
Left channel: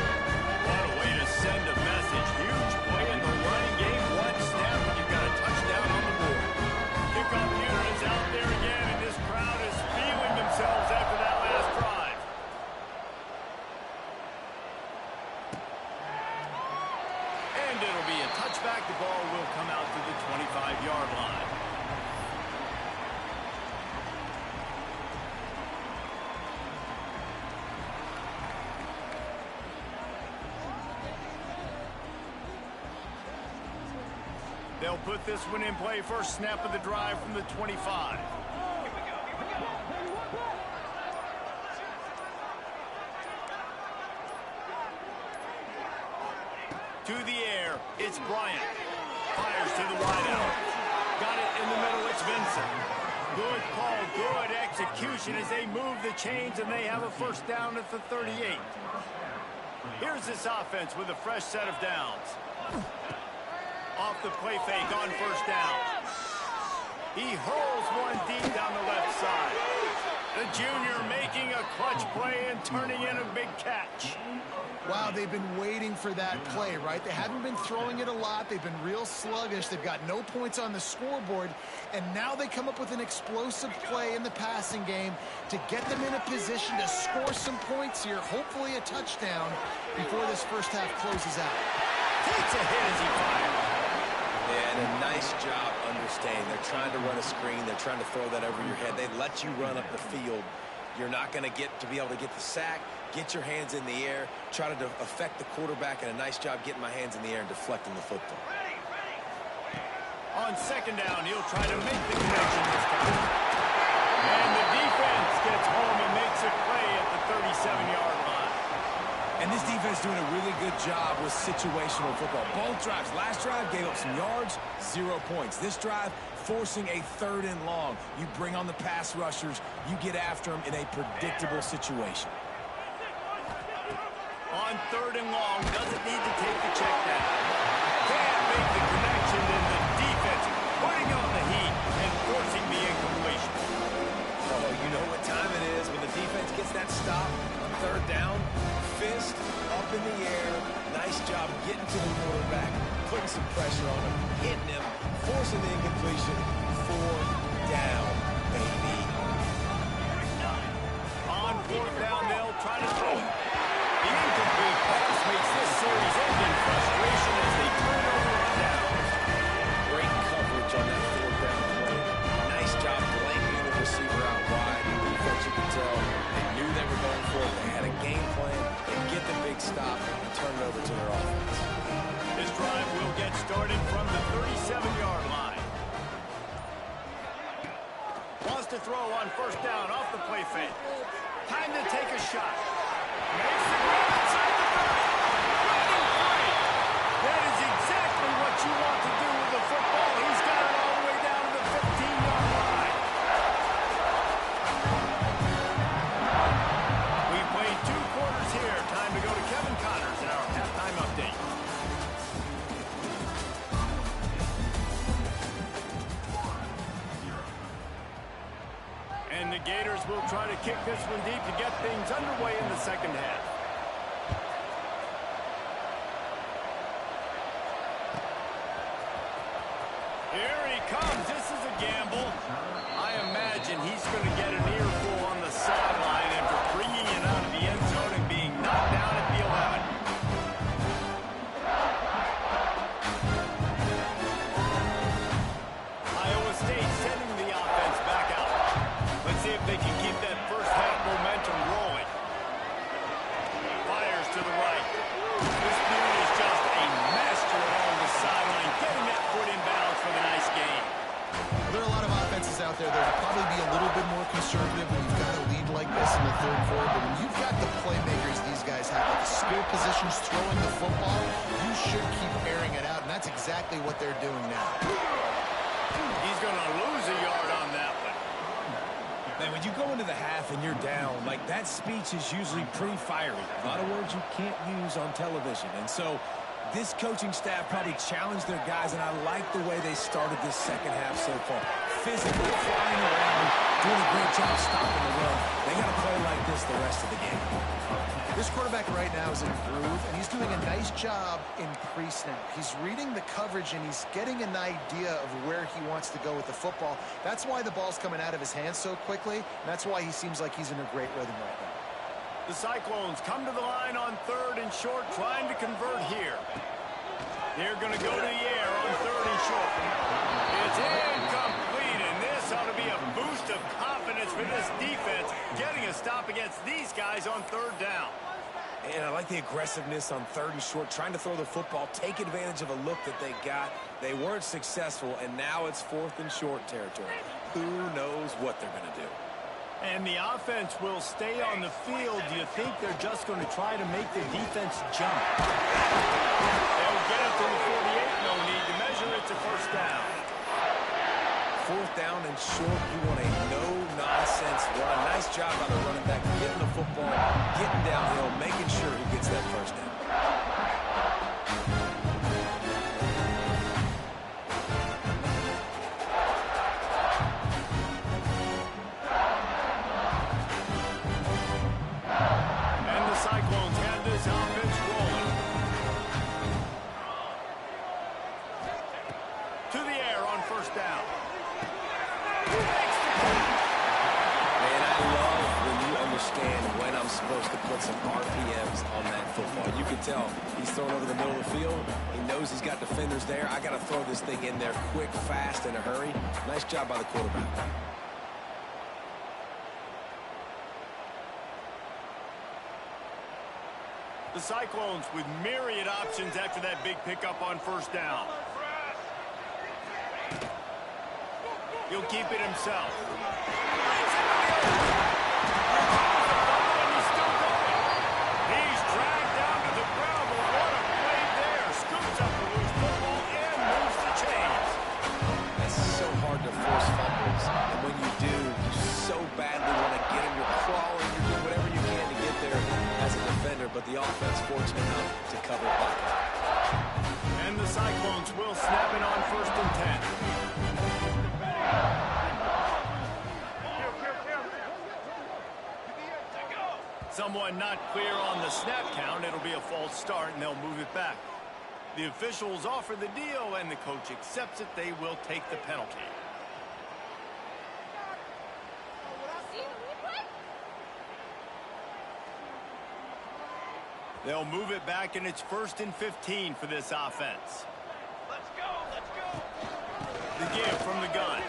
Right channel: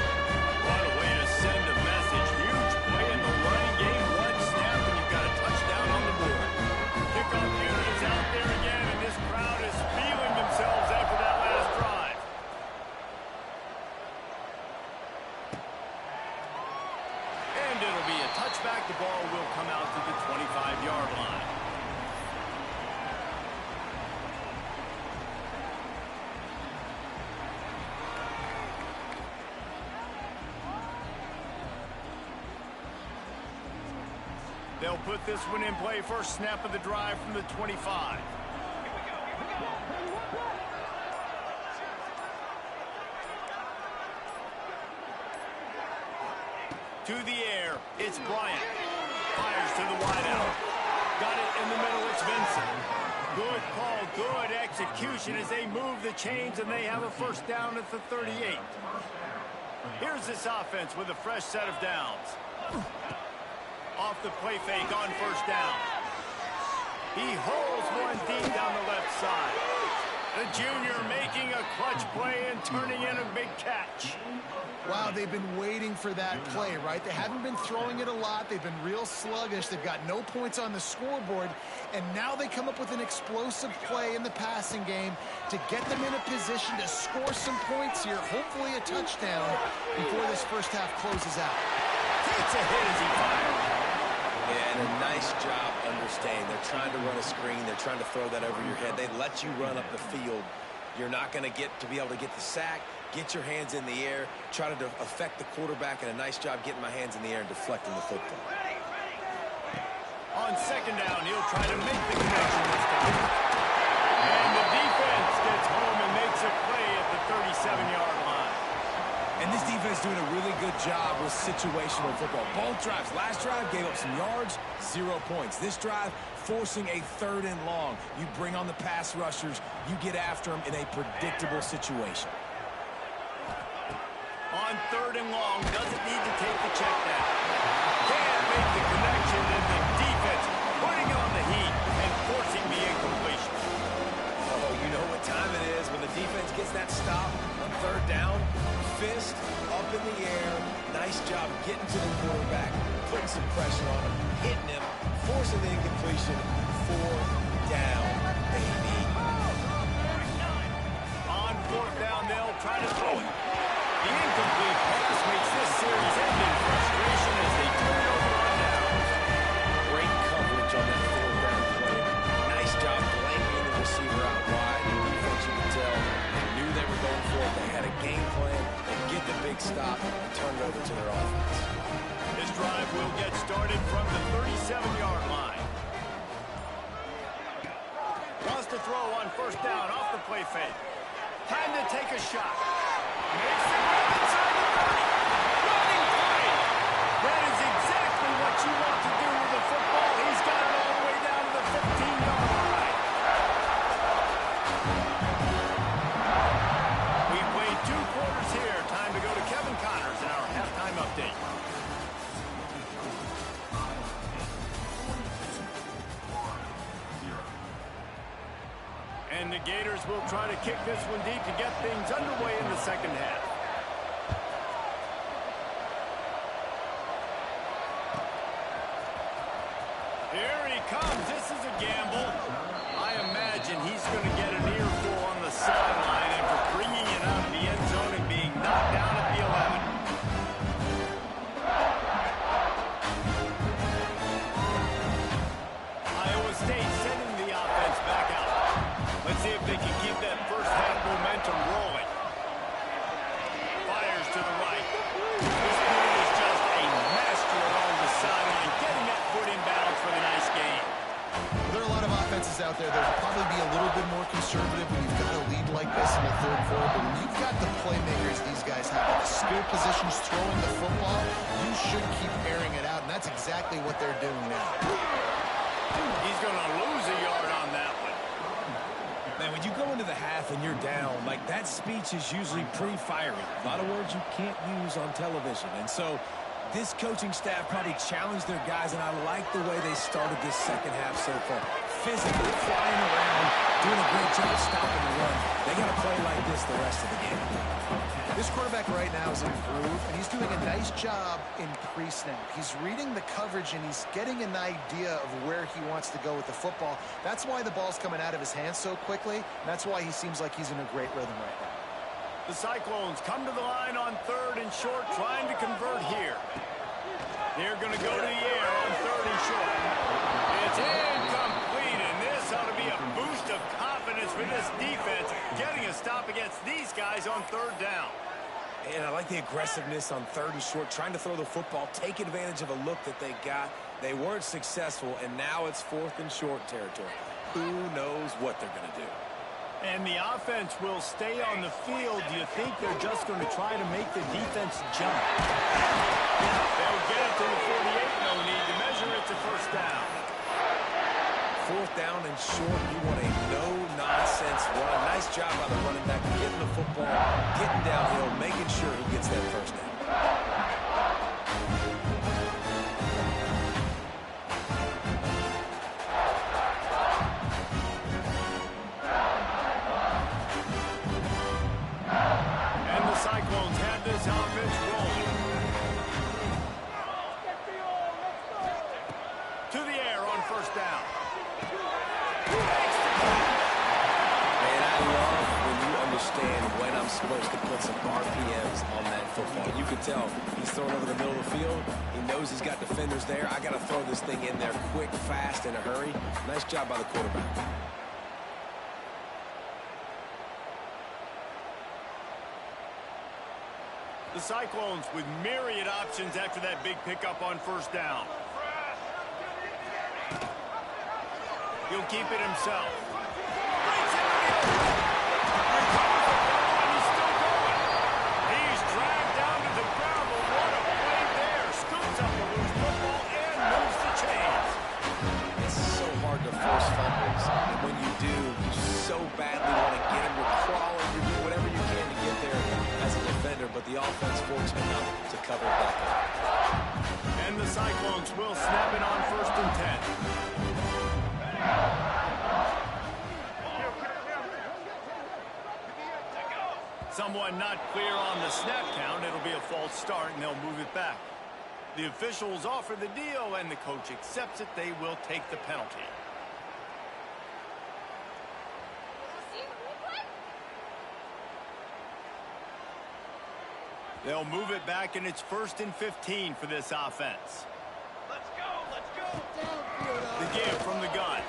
What a way to send a message. Huge play in the running game. One snap and you've got a touchdown on the board. Kickoff unit is out there again, and this crowd is feeling themselves after that last drive. And it'll be a touchback. The ball will come out to the 25-yard line. They'll put this one in play first snap of the drive from the 25. To the air, it's Bryant. Fires to the wideout. Got it in the middle, it's Vincent. Good call, good execution as they move the chains and they have a first down at the 38. Here's this offense with a fresh set of downs. Off the play fake on first down. He holds one deep down the left side. The junior making a clutch play and turning in a big catch. Wow, they've been waiting for that play, right? They haven't been throwing it a lot. They've been real sluggish. They've got no points on the scoreboard. And now they come up with an explosive play in the passing game to get them in a position to score some points here, hopefully a touchdown, before this first half closes out. Takes a hit as he fires. And a nice job understanding. They're trying to run a screen. They're trying to throw that over your head. They let you run up the field. You're not going to be able to get the sack, get your hands in the air, try to affect the quarterback, and a nice job getting my hands in the air and deflecting the football. On second down, he'll try to make the connection this time. And the defense gets home and makes a play at the 37-yard line. And this defense doing a really good job with situational football. Both drives. Last drive gave up some yards, 0 points. This drive, forcing a 3rd and long. You bring on the pass rushers. You get after them in a predictable situation. On 3rd and long, doesn't need to take the check down. Can't make the connection, and the defense putting on the heat and forcing the incompletion. Oh, you know what time it is when the defense gets that stop on 3rd down. Fist up in the air. Nice job getting to the quarterback, putting some pressure on him, hitting him, forcing the incompletion. 4th down, baby. On 4th down, they'll try to throw it. The incomplete pass makes this series end in frustration as they turn it over on downs. Great coverage on that 4th down play. Nice job blanking the receiver out wide. The defense, you could tell, they knew they were going for it. They had a game plan. They get the big stop and turn it over to their offense. This drive will get started from the 37-yard line. Wants to throw on first down off the play fake. Time to take a shot. Makes the grab inside the 30. Running free. That is exactly what you want to do with the football. He's got it all the way down to the 15-yard line. We played 2 quarters here. Time to go to Kevin Connors in our halftime update. And the Gators will try to kick this one deep to get things underway in the second half. Here he comes. This is a gamble. I imagine he's going to get an earful on the sideline after bringing it out of the end zone and being knocked down at the 11. Iowa State sending the offense back out. Let's see if they can keep that first half momentum rolling. Fires to the right. This dude is just a master along the sideline, getting that foot in bounds for the nice game. There are a lot of offenses out there that will probably be a little bit more conservative when you've got a lead like this in the 3rd quarter. But when you've got the playmakers these guys have at the skill positions throwing the football, you should keep airing it out. And that's exactly what they're doing now. He's going to lose a yard on that one. Man, when you go into the half and you're down, like that speech is usually pretty fiery. A lot of words you can't use on television. And so this coaching staff probably challenged their guys, and I like the way they started this second half so far. Physically flying around, doing a great job stopping the run. They got to play like this the rest of the game. This quarterback right now is in a groove, and he's doing a nice job in pre-snap. He's reading the coverage, and he's getting an idea of where he wants to go with the football. That's why the ball's coming out of his hands so quickly, and that's why he seems like he's in a great rhythm right now. The Cyclones come to the line on 3rd and short, trying to convert here. They're going to go to the air on 3rd and short. It's incomplete, and this ought to be a boost of confidence for this defense, getting a stop against these guys on 3rd down. And I like the aggressiveness on 3rd and short, trying to throw the football, take advantage of a look that they got. They weren't successful, and now it's 4th and short territory. Who knows what they're going to do? And the offense will stay on the field. Do you think they're just going to try to make the defense jump? They'll get it to the 48. No need to measure it to first down. 4th down and short. You want a no-nonsense run. Nice job by the running back getting the football, getting downhill, making sure he gets that first down. And the Cyclones have this offense rolling. To the air on first down. Man, I love when you understand when I'm supposed to put some RPMs on that football. You can tell he's throwing over the middle of the field. He knows he's got defenders there. I got to throw this thing in there quick, fast, in a hurry. Nice job by the quarterback. The Cyclones with myriad options after that big pickup on first down. He'll keep it himself. Breaks into the open. Recovers the fumble, and he's still going. He's dragged down to the ground, but what a play there. Scoops up the loose football and moves the chains. It's so hard to force fumbles, and when you do, you so badly want to get them. You're crawling, you're doing whatever you can to get there as a defender, but the offense fortunate enough to cover it back up. And the Cyclones will snap it on 1st and 10. Someone not clear on the snap count. It'll be a false start, and they'll move it back. The officials offer the deal, and the coach accepts it. They will take the penalty. They'll move it back, and it's 1st and 15 for this offense. Let's go, let's go. The give from the gun.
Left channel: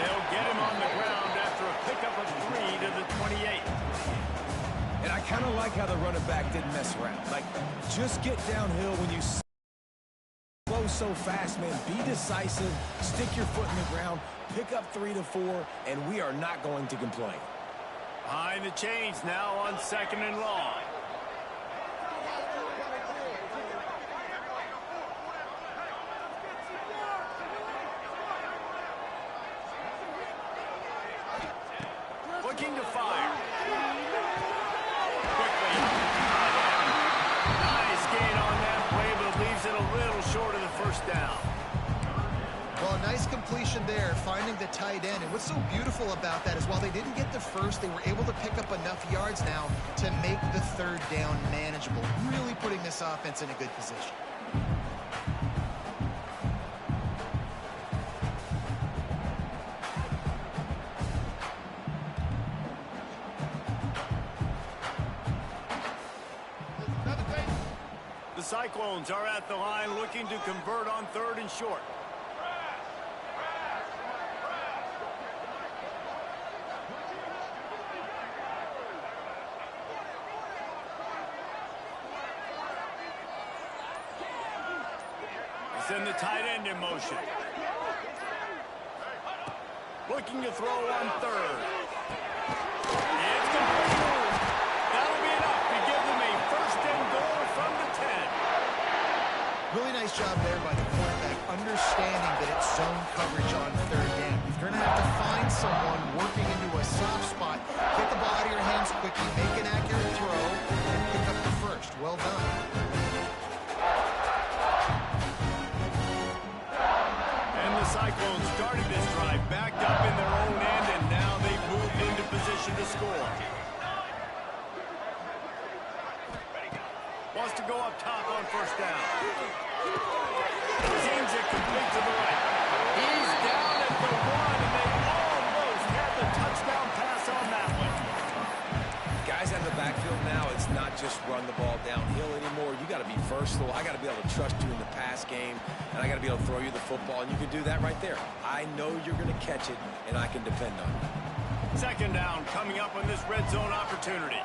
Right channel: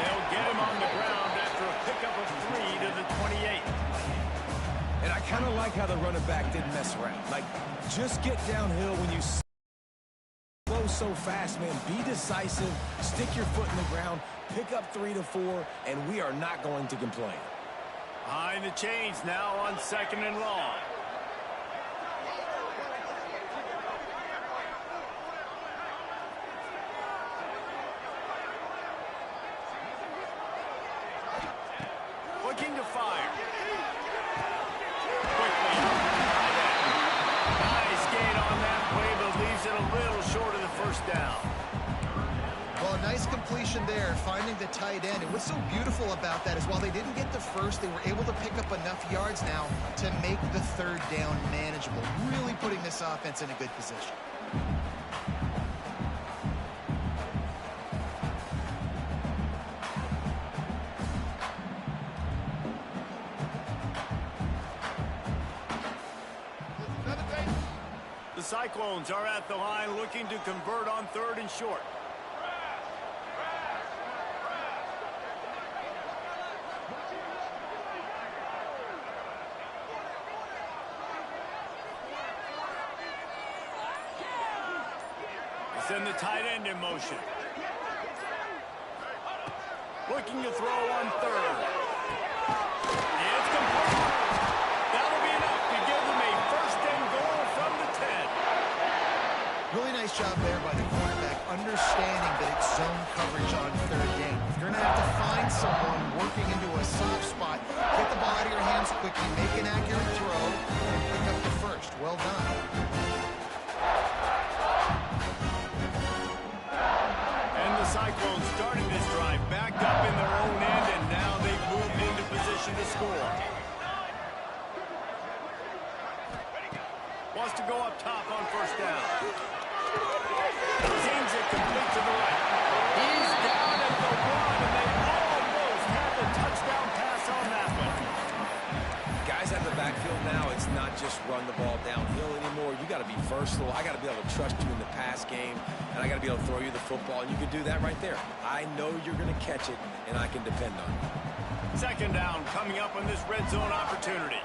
They'll get him on the ground after a pickup of 3 to the 28. And I kind of like how the running back didn't mess around. Like, just get downhill when you slow so fast, man. Be decisive, stick your foot in the ground, pick up 3 to 4, and we are not going to complain. Behind the chains now on 2nd and long. Looking to fire. Quickly out to the tight end. Nice gain on that play, but leaves it a little short of the first down. Well, a nice completion there, finding the tight end. And what's so beautiful about that is while they didn't get the first, they were able to pick up enough yards now to make the 3rd down manageable, really putting this offense in a good position. The Cyclones are at the line looking to convert on 3rd and short. Send the tight end in motion. Looking to throw on 3rd. It's complete. That'll be enough to give them a 1st and goal from the 10. Really nice job there by the quarterback, understanding that it's zone coverage on 3rd down. If you're going to have to find someone working into a soft spot, get the ball out of your hands quickly, make an accurate throw, and pick up the 1st. Well done. The Cyclones started this drive backed up in their own end, and now they've moved into position to score. Wants to go up top on 1st down. Seems it complete to the right. He's down at the 1, and they almost had the touchdown pass on that one. Guys out of the backfield now, it's not just run the ball downhill anymore. You got to be versatile. I got to be able to trust you in the pass game, and I got to be able to throw you the football, and you can do that right there. I know you're going to catch it, and I can depend on you. 2nd down coming up on this red zone opportunity.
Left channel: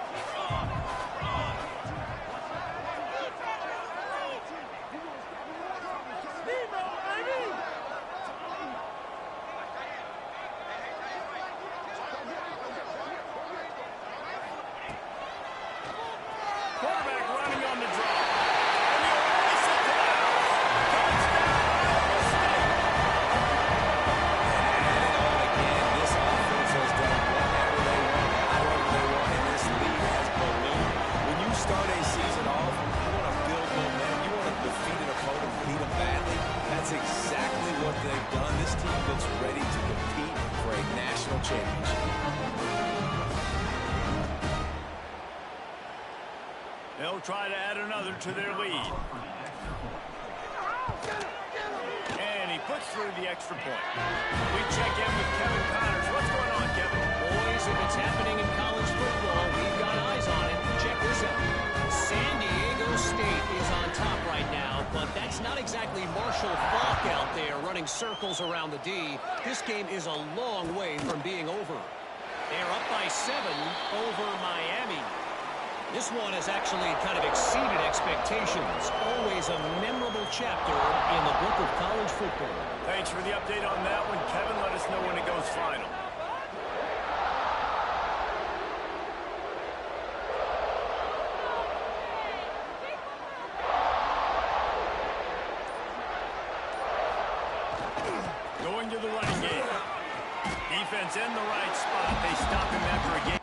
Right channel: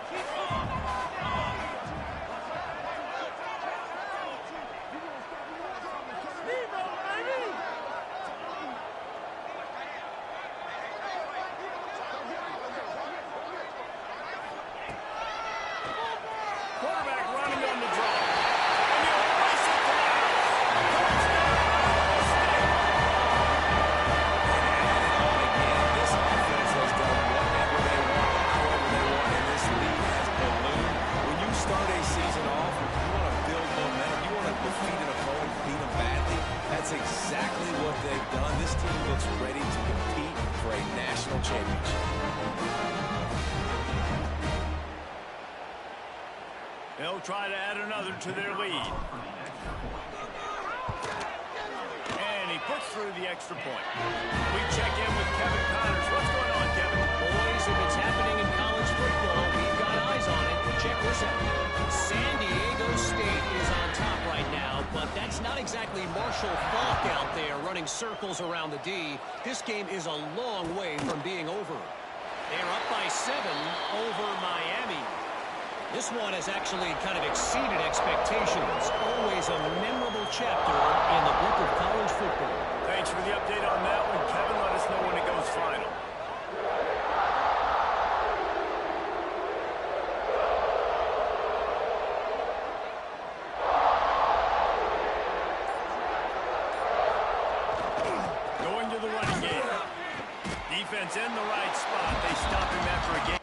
what they've done, this team looks ready to compete for a national championship. They'll try to add another to their lead. And he puts through the extra point. We check in with Kevin Connors. What's going on, Kevin? Boys, if it's happening in college football, we've got eyes on it. Check this out. San Diego State is on top right now, but that's not exactly Marshall Faulk out there running circles around the D. This game is a long way from being over. They're up by 7 over Miami. This one has actually kind of exceeded expectations. Always a memorable chapter in the book of college football. Thanks for the update on that one, Kevin. Let us know when it goes final. Going to the running game. Defense in the right spot. They stop him after a game.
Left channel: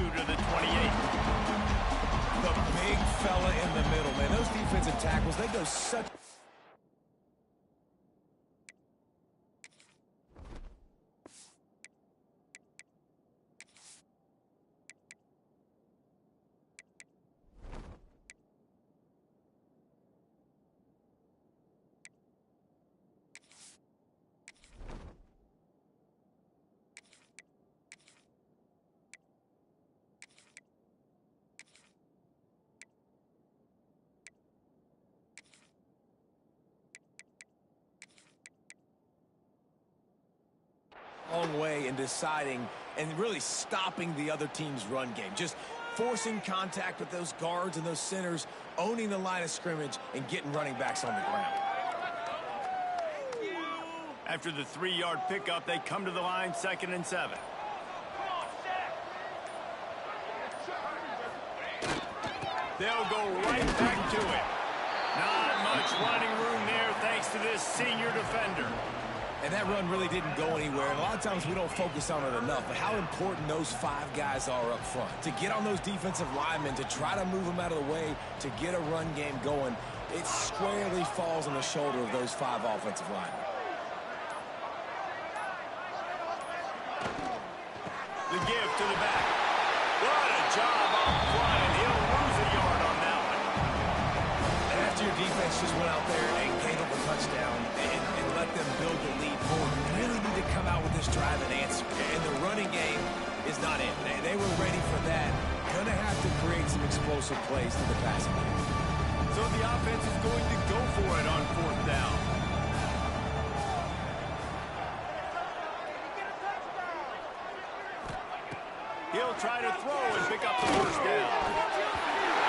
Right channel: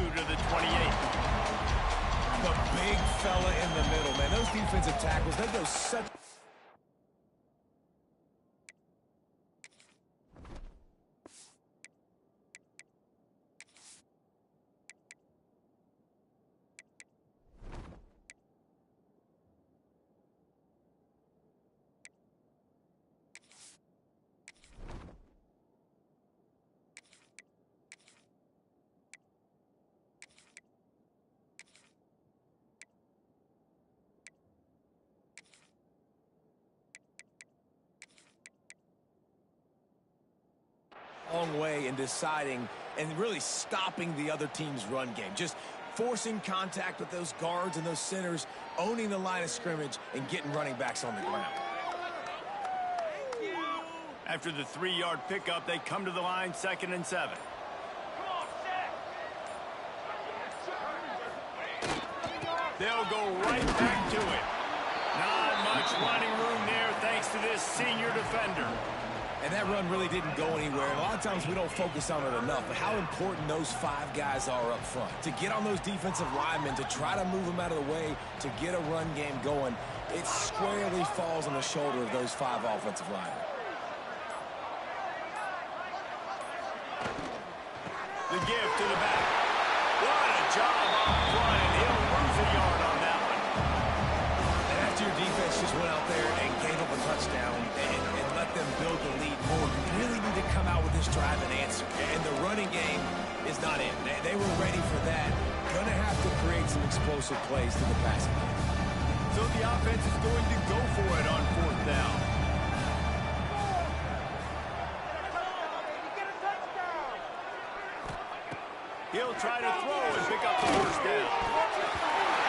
To the 28. The big fella in the middle, man. Those defensive tackles, they go such... long way in deciding and really stopping the other team's run game. Just forcing contact with those guards and those centers, owning the line of scrimmage, and getting running backs on the ground. After the 3-yard pickup, they come to the line, 2nd and 7. They'll go right back to it. Not much running room there thanks to this senior defender. And that run really didn't go anywhere. And a lot of times we don't focus on it enough, but how important those 5 guys are up front. To get on those defensive linemen, to try to move them out of the way, to get a run game going, it squarely falls on the shoulder of those 5 offensive linemen. The give to the back. What a job up front, and he'll lose a yard on that one. And after your defense just went out there and gave up a touchdown and let them build the lead more, you really need to come out with this drive and answer. And the running game is not in. They were ready for that. Gonna have to create some explosive plays to the passing game. So the offense is going to go for it on 4th down. He'll try to throw and pick up the 1st down.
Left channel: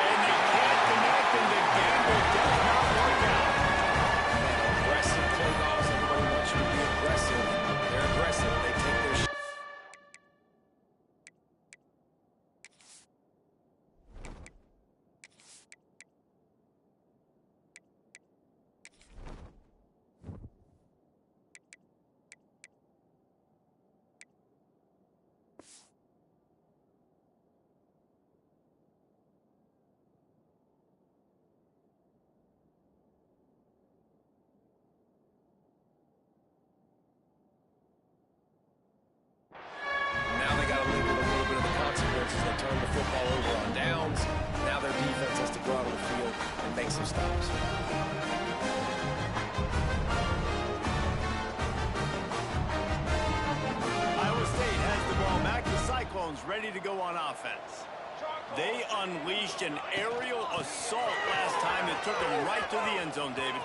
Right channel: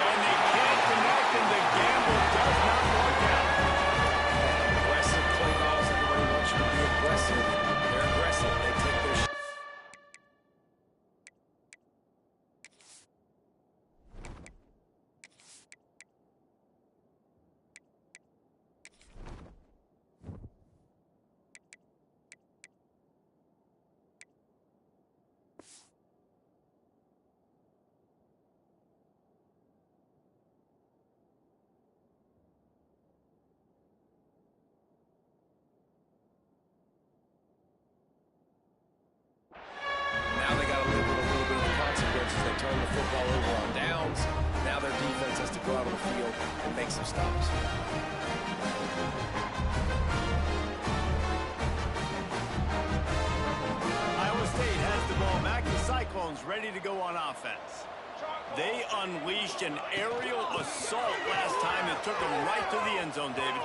And they can't connect, and the gamble does not work out. Aggressive play calls. Everybody wants you to be aggressive. They're aggressive. They take their shot. They turn the football over on downs. Now their defense has to go out on the field and make some stops. Iowa State has the ball back. The Cyclones ready to go on offense. They unleashed an aerial assault last time that took them right to the end zone, David.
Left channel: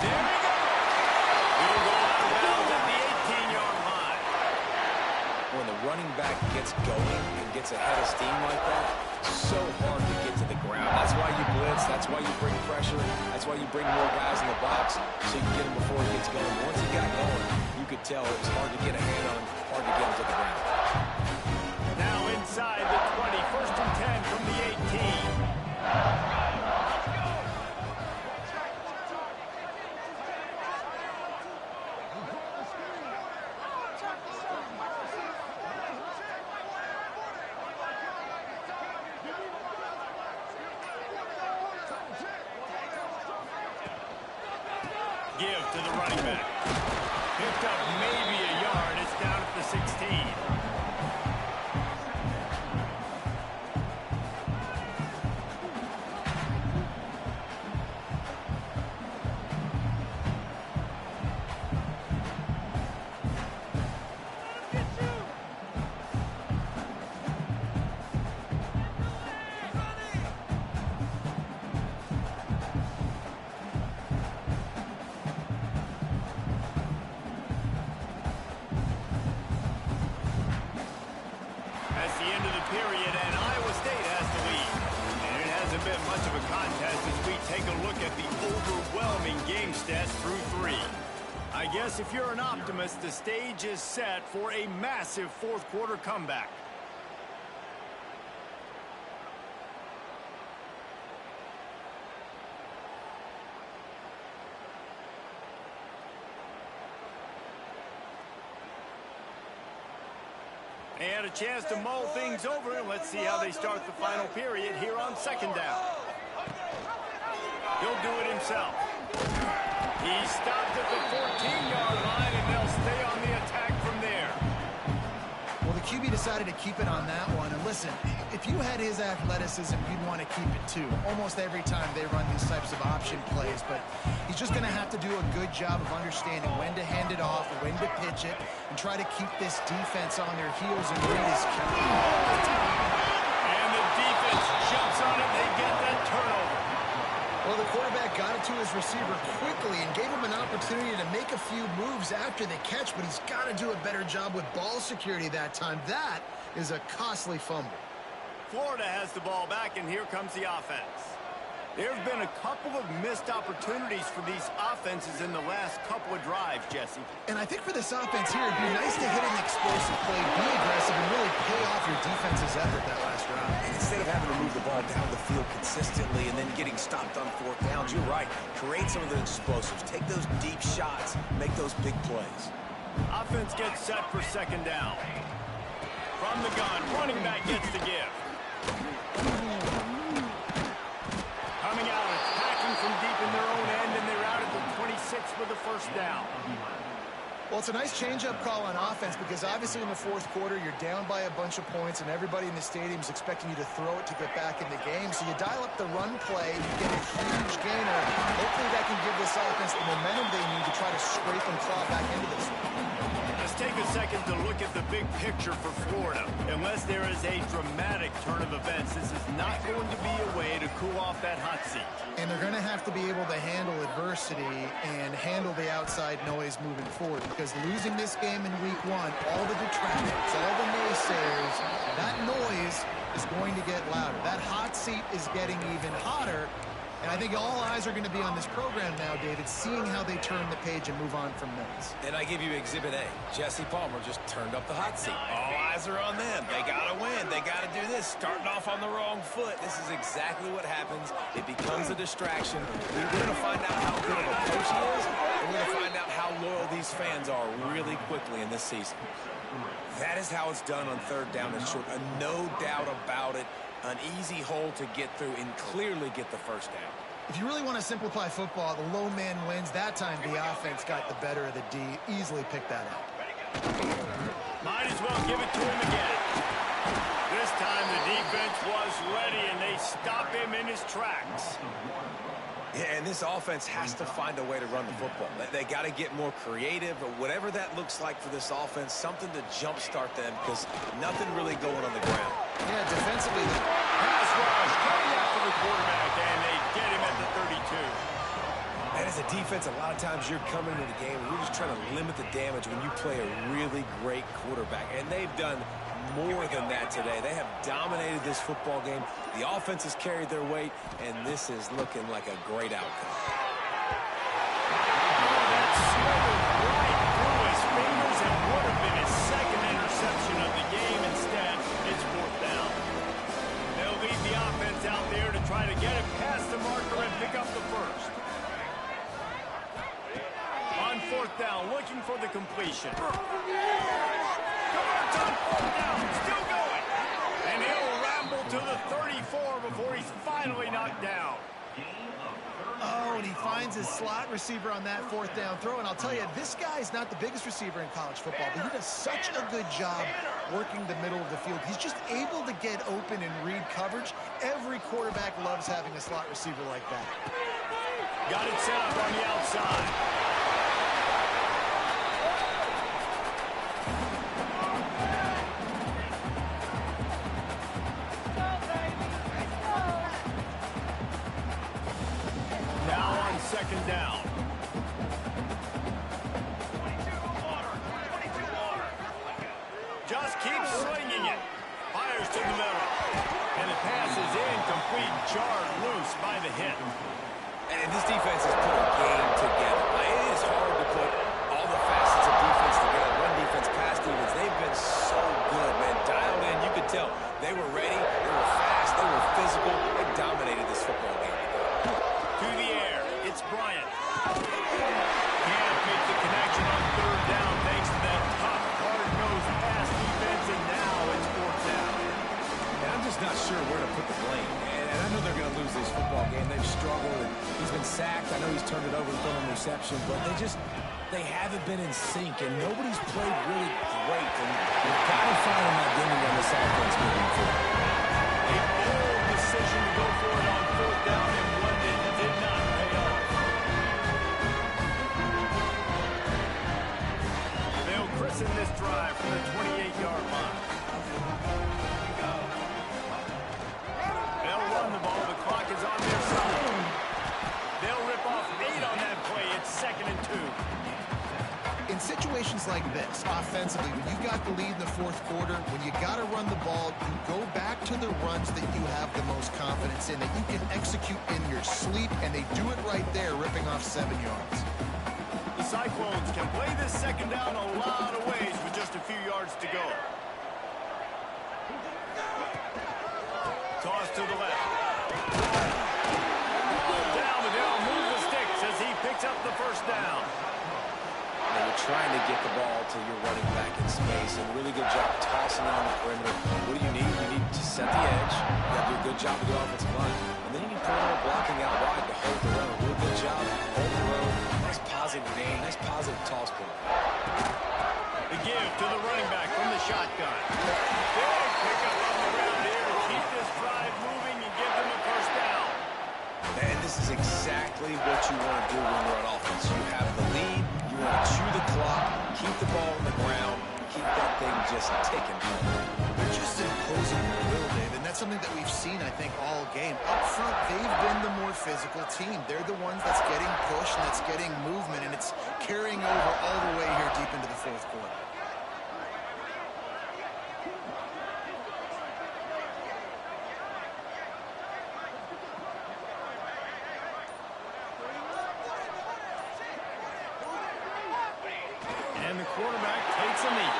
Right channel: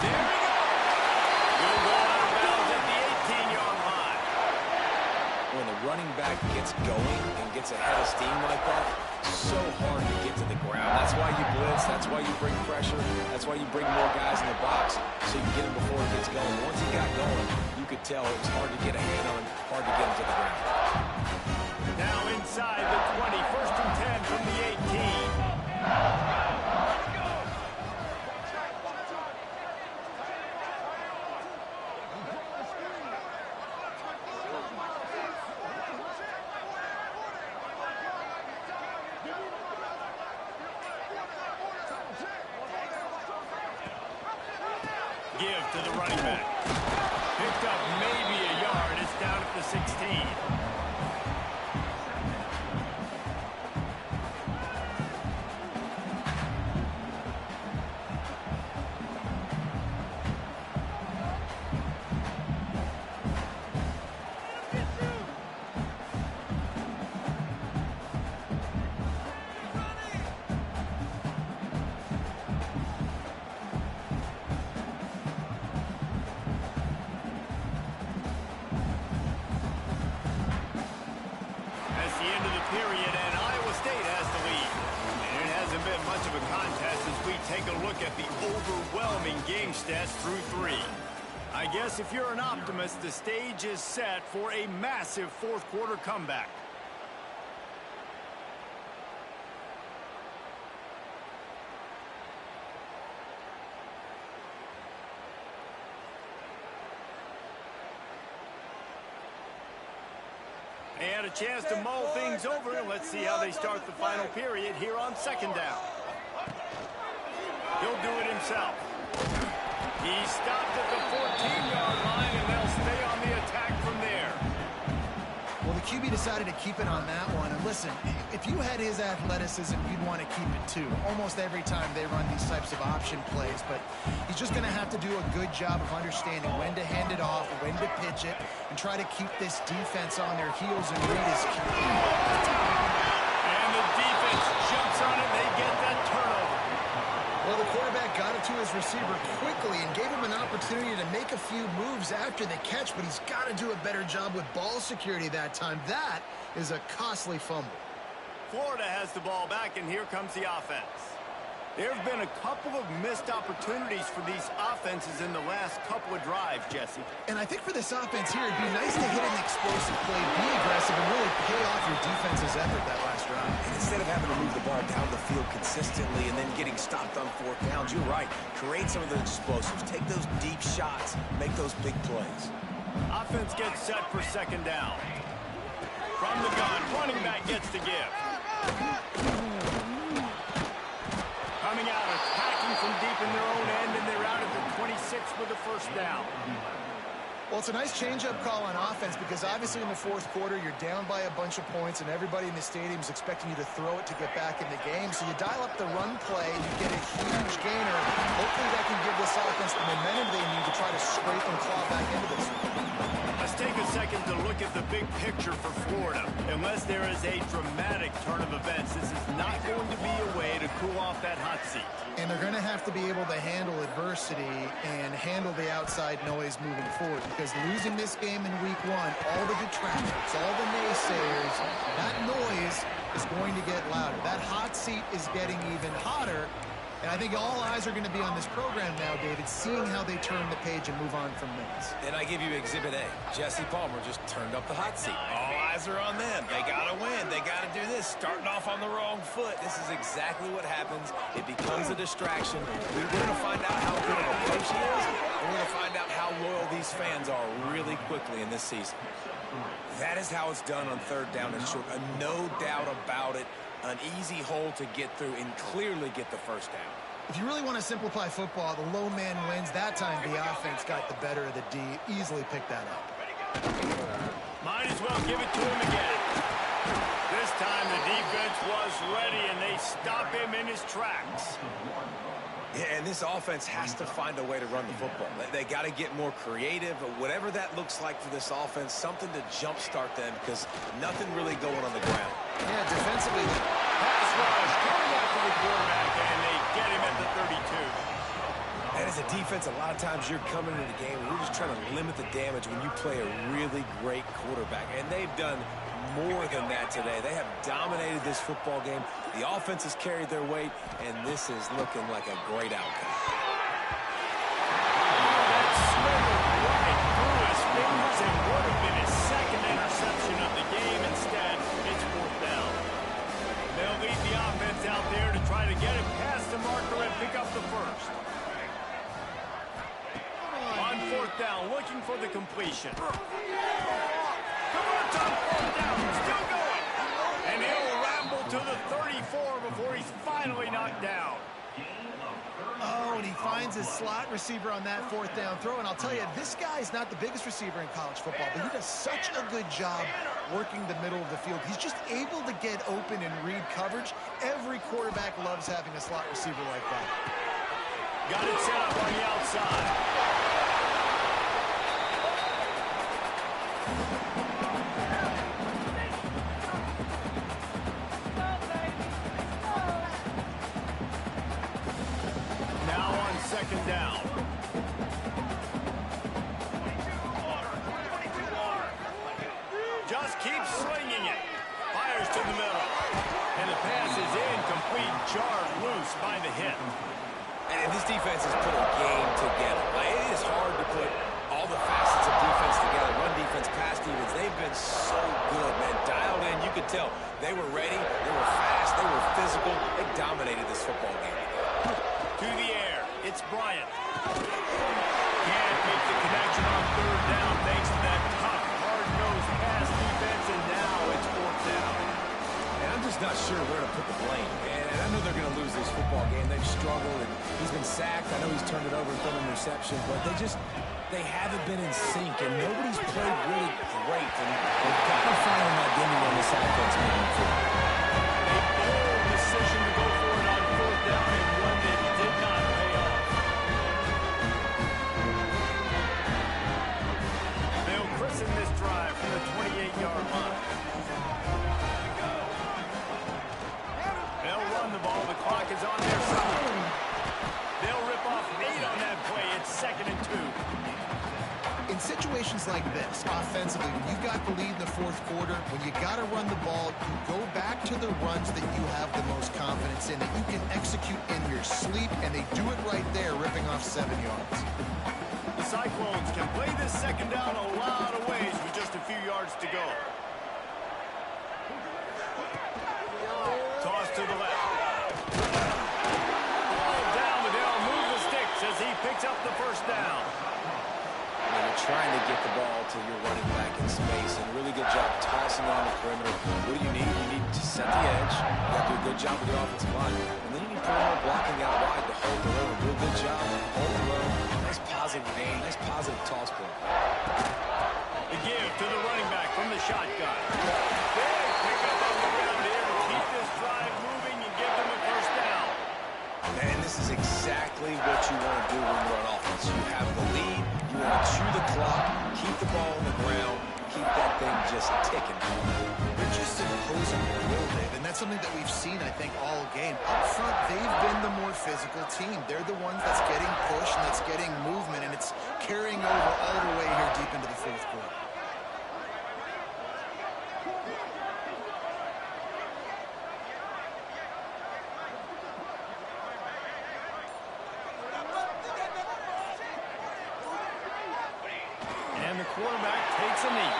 There we go. He'll go out of bounds at the 18-yard line. when the running back gets going and gets ahead of steam like that, so hard to get to the ground. That's why you blitz. That's why you bring pressure. That's why you bring more guys in the box so you can get him before he gets going. But once he got going, you could tell it was hard to get a hand on him, hard to get him to the ground. Now inside the 20, 1st and 10 from the 18. Give to the running back. Picked up maybe a yard. It's down at the 16. The end of the period, and Iowa State has the lead. And it hasn't been much of a contest as we take a look at the overwhelming game stats through 3. I guess if you're an optimist, the stage is set for a massive fourth quarter comeback. They had a chance to mull things over, and let's see how they start the final period here on 2nd down. He'll do it himself. He stopped at the 14-yard line, and they'll stay on the attack from there. Well, the QB decided to keep it on that one. And listen, if you had his athleticism, you'd want to keep it too. Almost every time they run these types of option plays. But he's just going to have to do a good job of understanding when to hand it off, when to pitch it, and try to keep this defense on their heels and read his QB. And the defense jumps on it. They get that turnover. Well, the quarterback got it to his receiver quickly and gave him an opportunity to make a few moves after the catch, but he's got to do a better job with ball security that time. That is a costly fumble. Florida has the ball back, and here comes the offense. There have been a couple of missed opportunities for these offenses in the last couple of drives, Jesse. And I think for this offense here, it'd be nice to hit an explosive play, be aggressive, and really pay off your defense's effort that last drive. And instead of having to move the ball down the field consistently and then getting stopped on 4th downs, you're right. Create some of those explosives. Take those deep shots. Make those big plays. Offense gets set for 2nd down. From the gun, running back gets the give. Coming out, attacking from deep in their own end, and they're out at the 26 with the 1st down. Well, it's a nice change-up call on offense because obviously in the 4th quarter, you're down by a bunch of points, and everybody in the stadium is expecting you to throw it to get back in the game. So you dial up the run play, you get a huge gainer. Hopefully that can give this offense the momentum they need to try to scrape and claw back into this one. Let's take a second to look at the big picture for Florida. Unless there is a dramatic turn of events, this is not going to be a way to cool off that hot seat. And they're going to have to be able to handle adversity and handle the outside noise moving forward because losing this game in week 1, all the detractors, all the naysayers, that noise is going to get louder. That hot seat is getting even hotter. And I think all eyes are going to be on this program now, David, seeing how they turn the page and move on from this. And I give you Exhibit A. Jesse Palmer just turned up the hot seat. All eyes are on them. They got to win. They got to do this. Starting off on the wrong foot. This is exactly what happens. It becomes a distraction. We're going to find out how good of a coach he is, and we're going to find out how loyal these fans are really quickly in this season. That is how it's done on 3rd down and short. No doubt about it. An easy hole to get through and clearly get the 1st down. If you really want to simplify football, the low man wins. That time the offense got the better of the D. Easily picked that up. Might as well give it to him again. This time the defense was ready, and they stop him in his tracks. Yeah, and this offense has to find a way to run the football. They got to get more creative, whatever that looks like for this offense, something to jumpstart them because nothing really going on the ground. Yeah, defensively. Pass rush coming after the quarterback, and they get him at the 32. And as a defense, a lot of times you're coming into the game and you're just trying to limit the damage when you play a really great quarterback. And they've done more than that today. They have dominated this football game. The offense has carried their weight, and this is looking like a great outcome. That slithered right through his fingers and would have been his second interception of the game. Instead, it's fourth down. They'll lead the offense out there to try to get it past the marker and pick up the first. On fourth down, looking for the completion. Converts on fourth down, still going. And he'll ramble to the 34 before he's finally knocked down. Oh, and he finds his slot receiver on that fourth down throw. And I'll tell you, this guy's not the biggest receiver in college football, but he does such a good job working the middle of the field. He's just able to get open and read coverage. Every quarterback loves having a slot receiver like that. Got it set up on the outside. Second down. 22 order. Just keeps slinging it. Fires to the middle. And the pass is incomplete. Jarred loose by the hit. And this defense has put a game together. It is hard to put all the facets of defense together. Run defense, pass defense. They've been so good, man. Dialed in. You could tell they were ready. They were fast. They were physical. They dominated this football game. To the air. It's Bryant. Can't make the connection on third down thanks to that tough, hard-nosed pass defense, and now it's fourth down. And I'm just not sure where to put the blame. And I know they're going to lose this football game. They've struggled, and he's been sacked. I know he's turned it over and thrown an interception, but they haven't been in sync, and nobody's played really great. And they've got to find an identity on this offense moving forward. A bold decision to go for it on fourth down, and one that did not pay off. They'll christen this drive from the 28-yard line. They'll run the ball. The clock is on their side. They'll rip off 8 on that play. It's 2nd and 2. In situations like this, offensively, when you've got the lead in the fourth quarter, when you got to run the ball, you go back to the runs that you have the most confidence in, that you can execute in your sleep, and they do it right there, ripping off 7 yards. The Cyclones can play this second down a lot of ways with just a few yards to go. Toss to the left. Ball down, but they'll move the sticks as he picks up the first down. And you're trying to get the ball to your running back in space, and a really good job tossing it on the perimeter. What do you need? You need to set the edge. You have to do a good job with the offensive line. And then you need perimeter blocking out wide to hold the road. Do a good job, hold the road. Nice positive game, nice positive toss play. The give to the running back from the shotgun. Big pickup on the ground here to keep this drive moving and give them a first down. And this is exactly what you want to do when you're on offense. You have the lead, you want to chew the clock, keep the ball on the ground, keep that thing just ticking. They're just imposing their will, Dave, and that's something that we've seen, I think, all game. Up front, they've been the more physical team. They're the ones that's getting pushed and that's getting movement, and it's carrying over all the way here deep into the fourth quarter. And the quarterback takes a knee.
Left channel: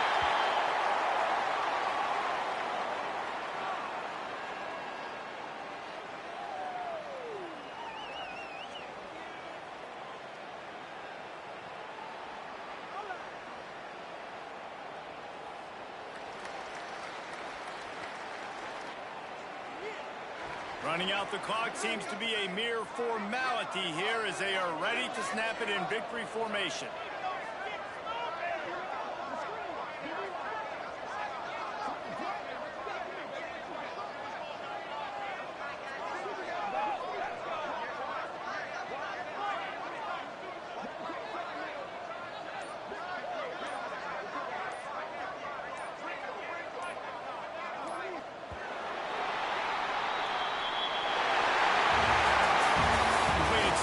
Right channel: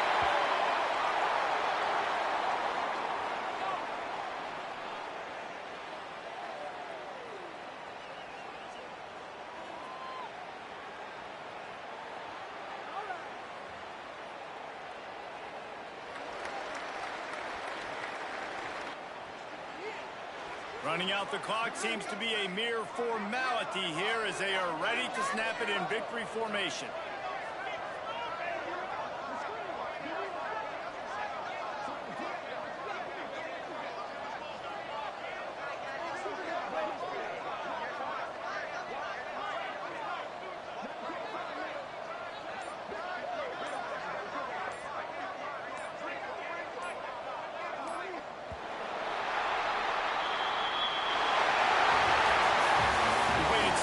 Running out the clock seems to be a mere formality here as they are ready to snap it in victory formation.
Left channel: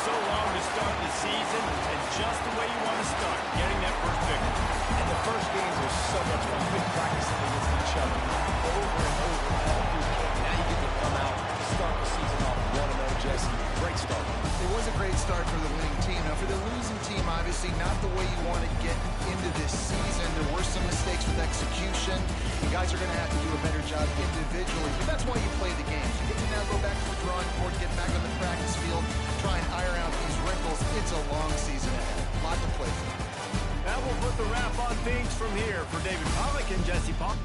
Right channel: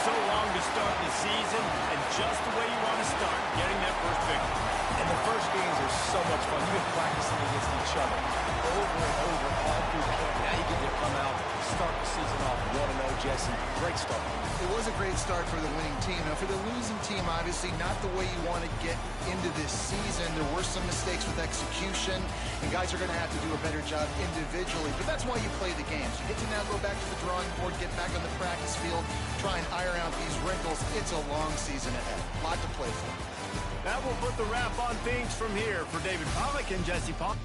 so long to start the season, and just the way you want to start, getting that first victory. And the first games are so much fun. You've been practicing against each other over and over all through camp. Now you get to come out, start the season off 1-0, Jesse. Great start. It was a great start for the winning team. Now, for the losing team, obviously not the way you want to get into this season. There were some mistakes with execution, and guys are going to have to do a better job individually. But that's why you play the games. You get to now go back to the drawing board, get back on the practice field, try and iron out these wrinkles. It's a long season ahead. A lot to play for. That will put the wrap on things from here. For David Pollack and Jesse Paul.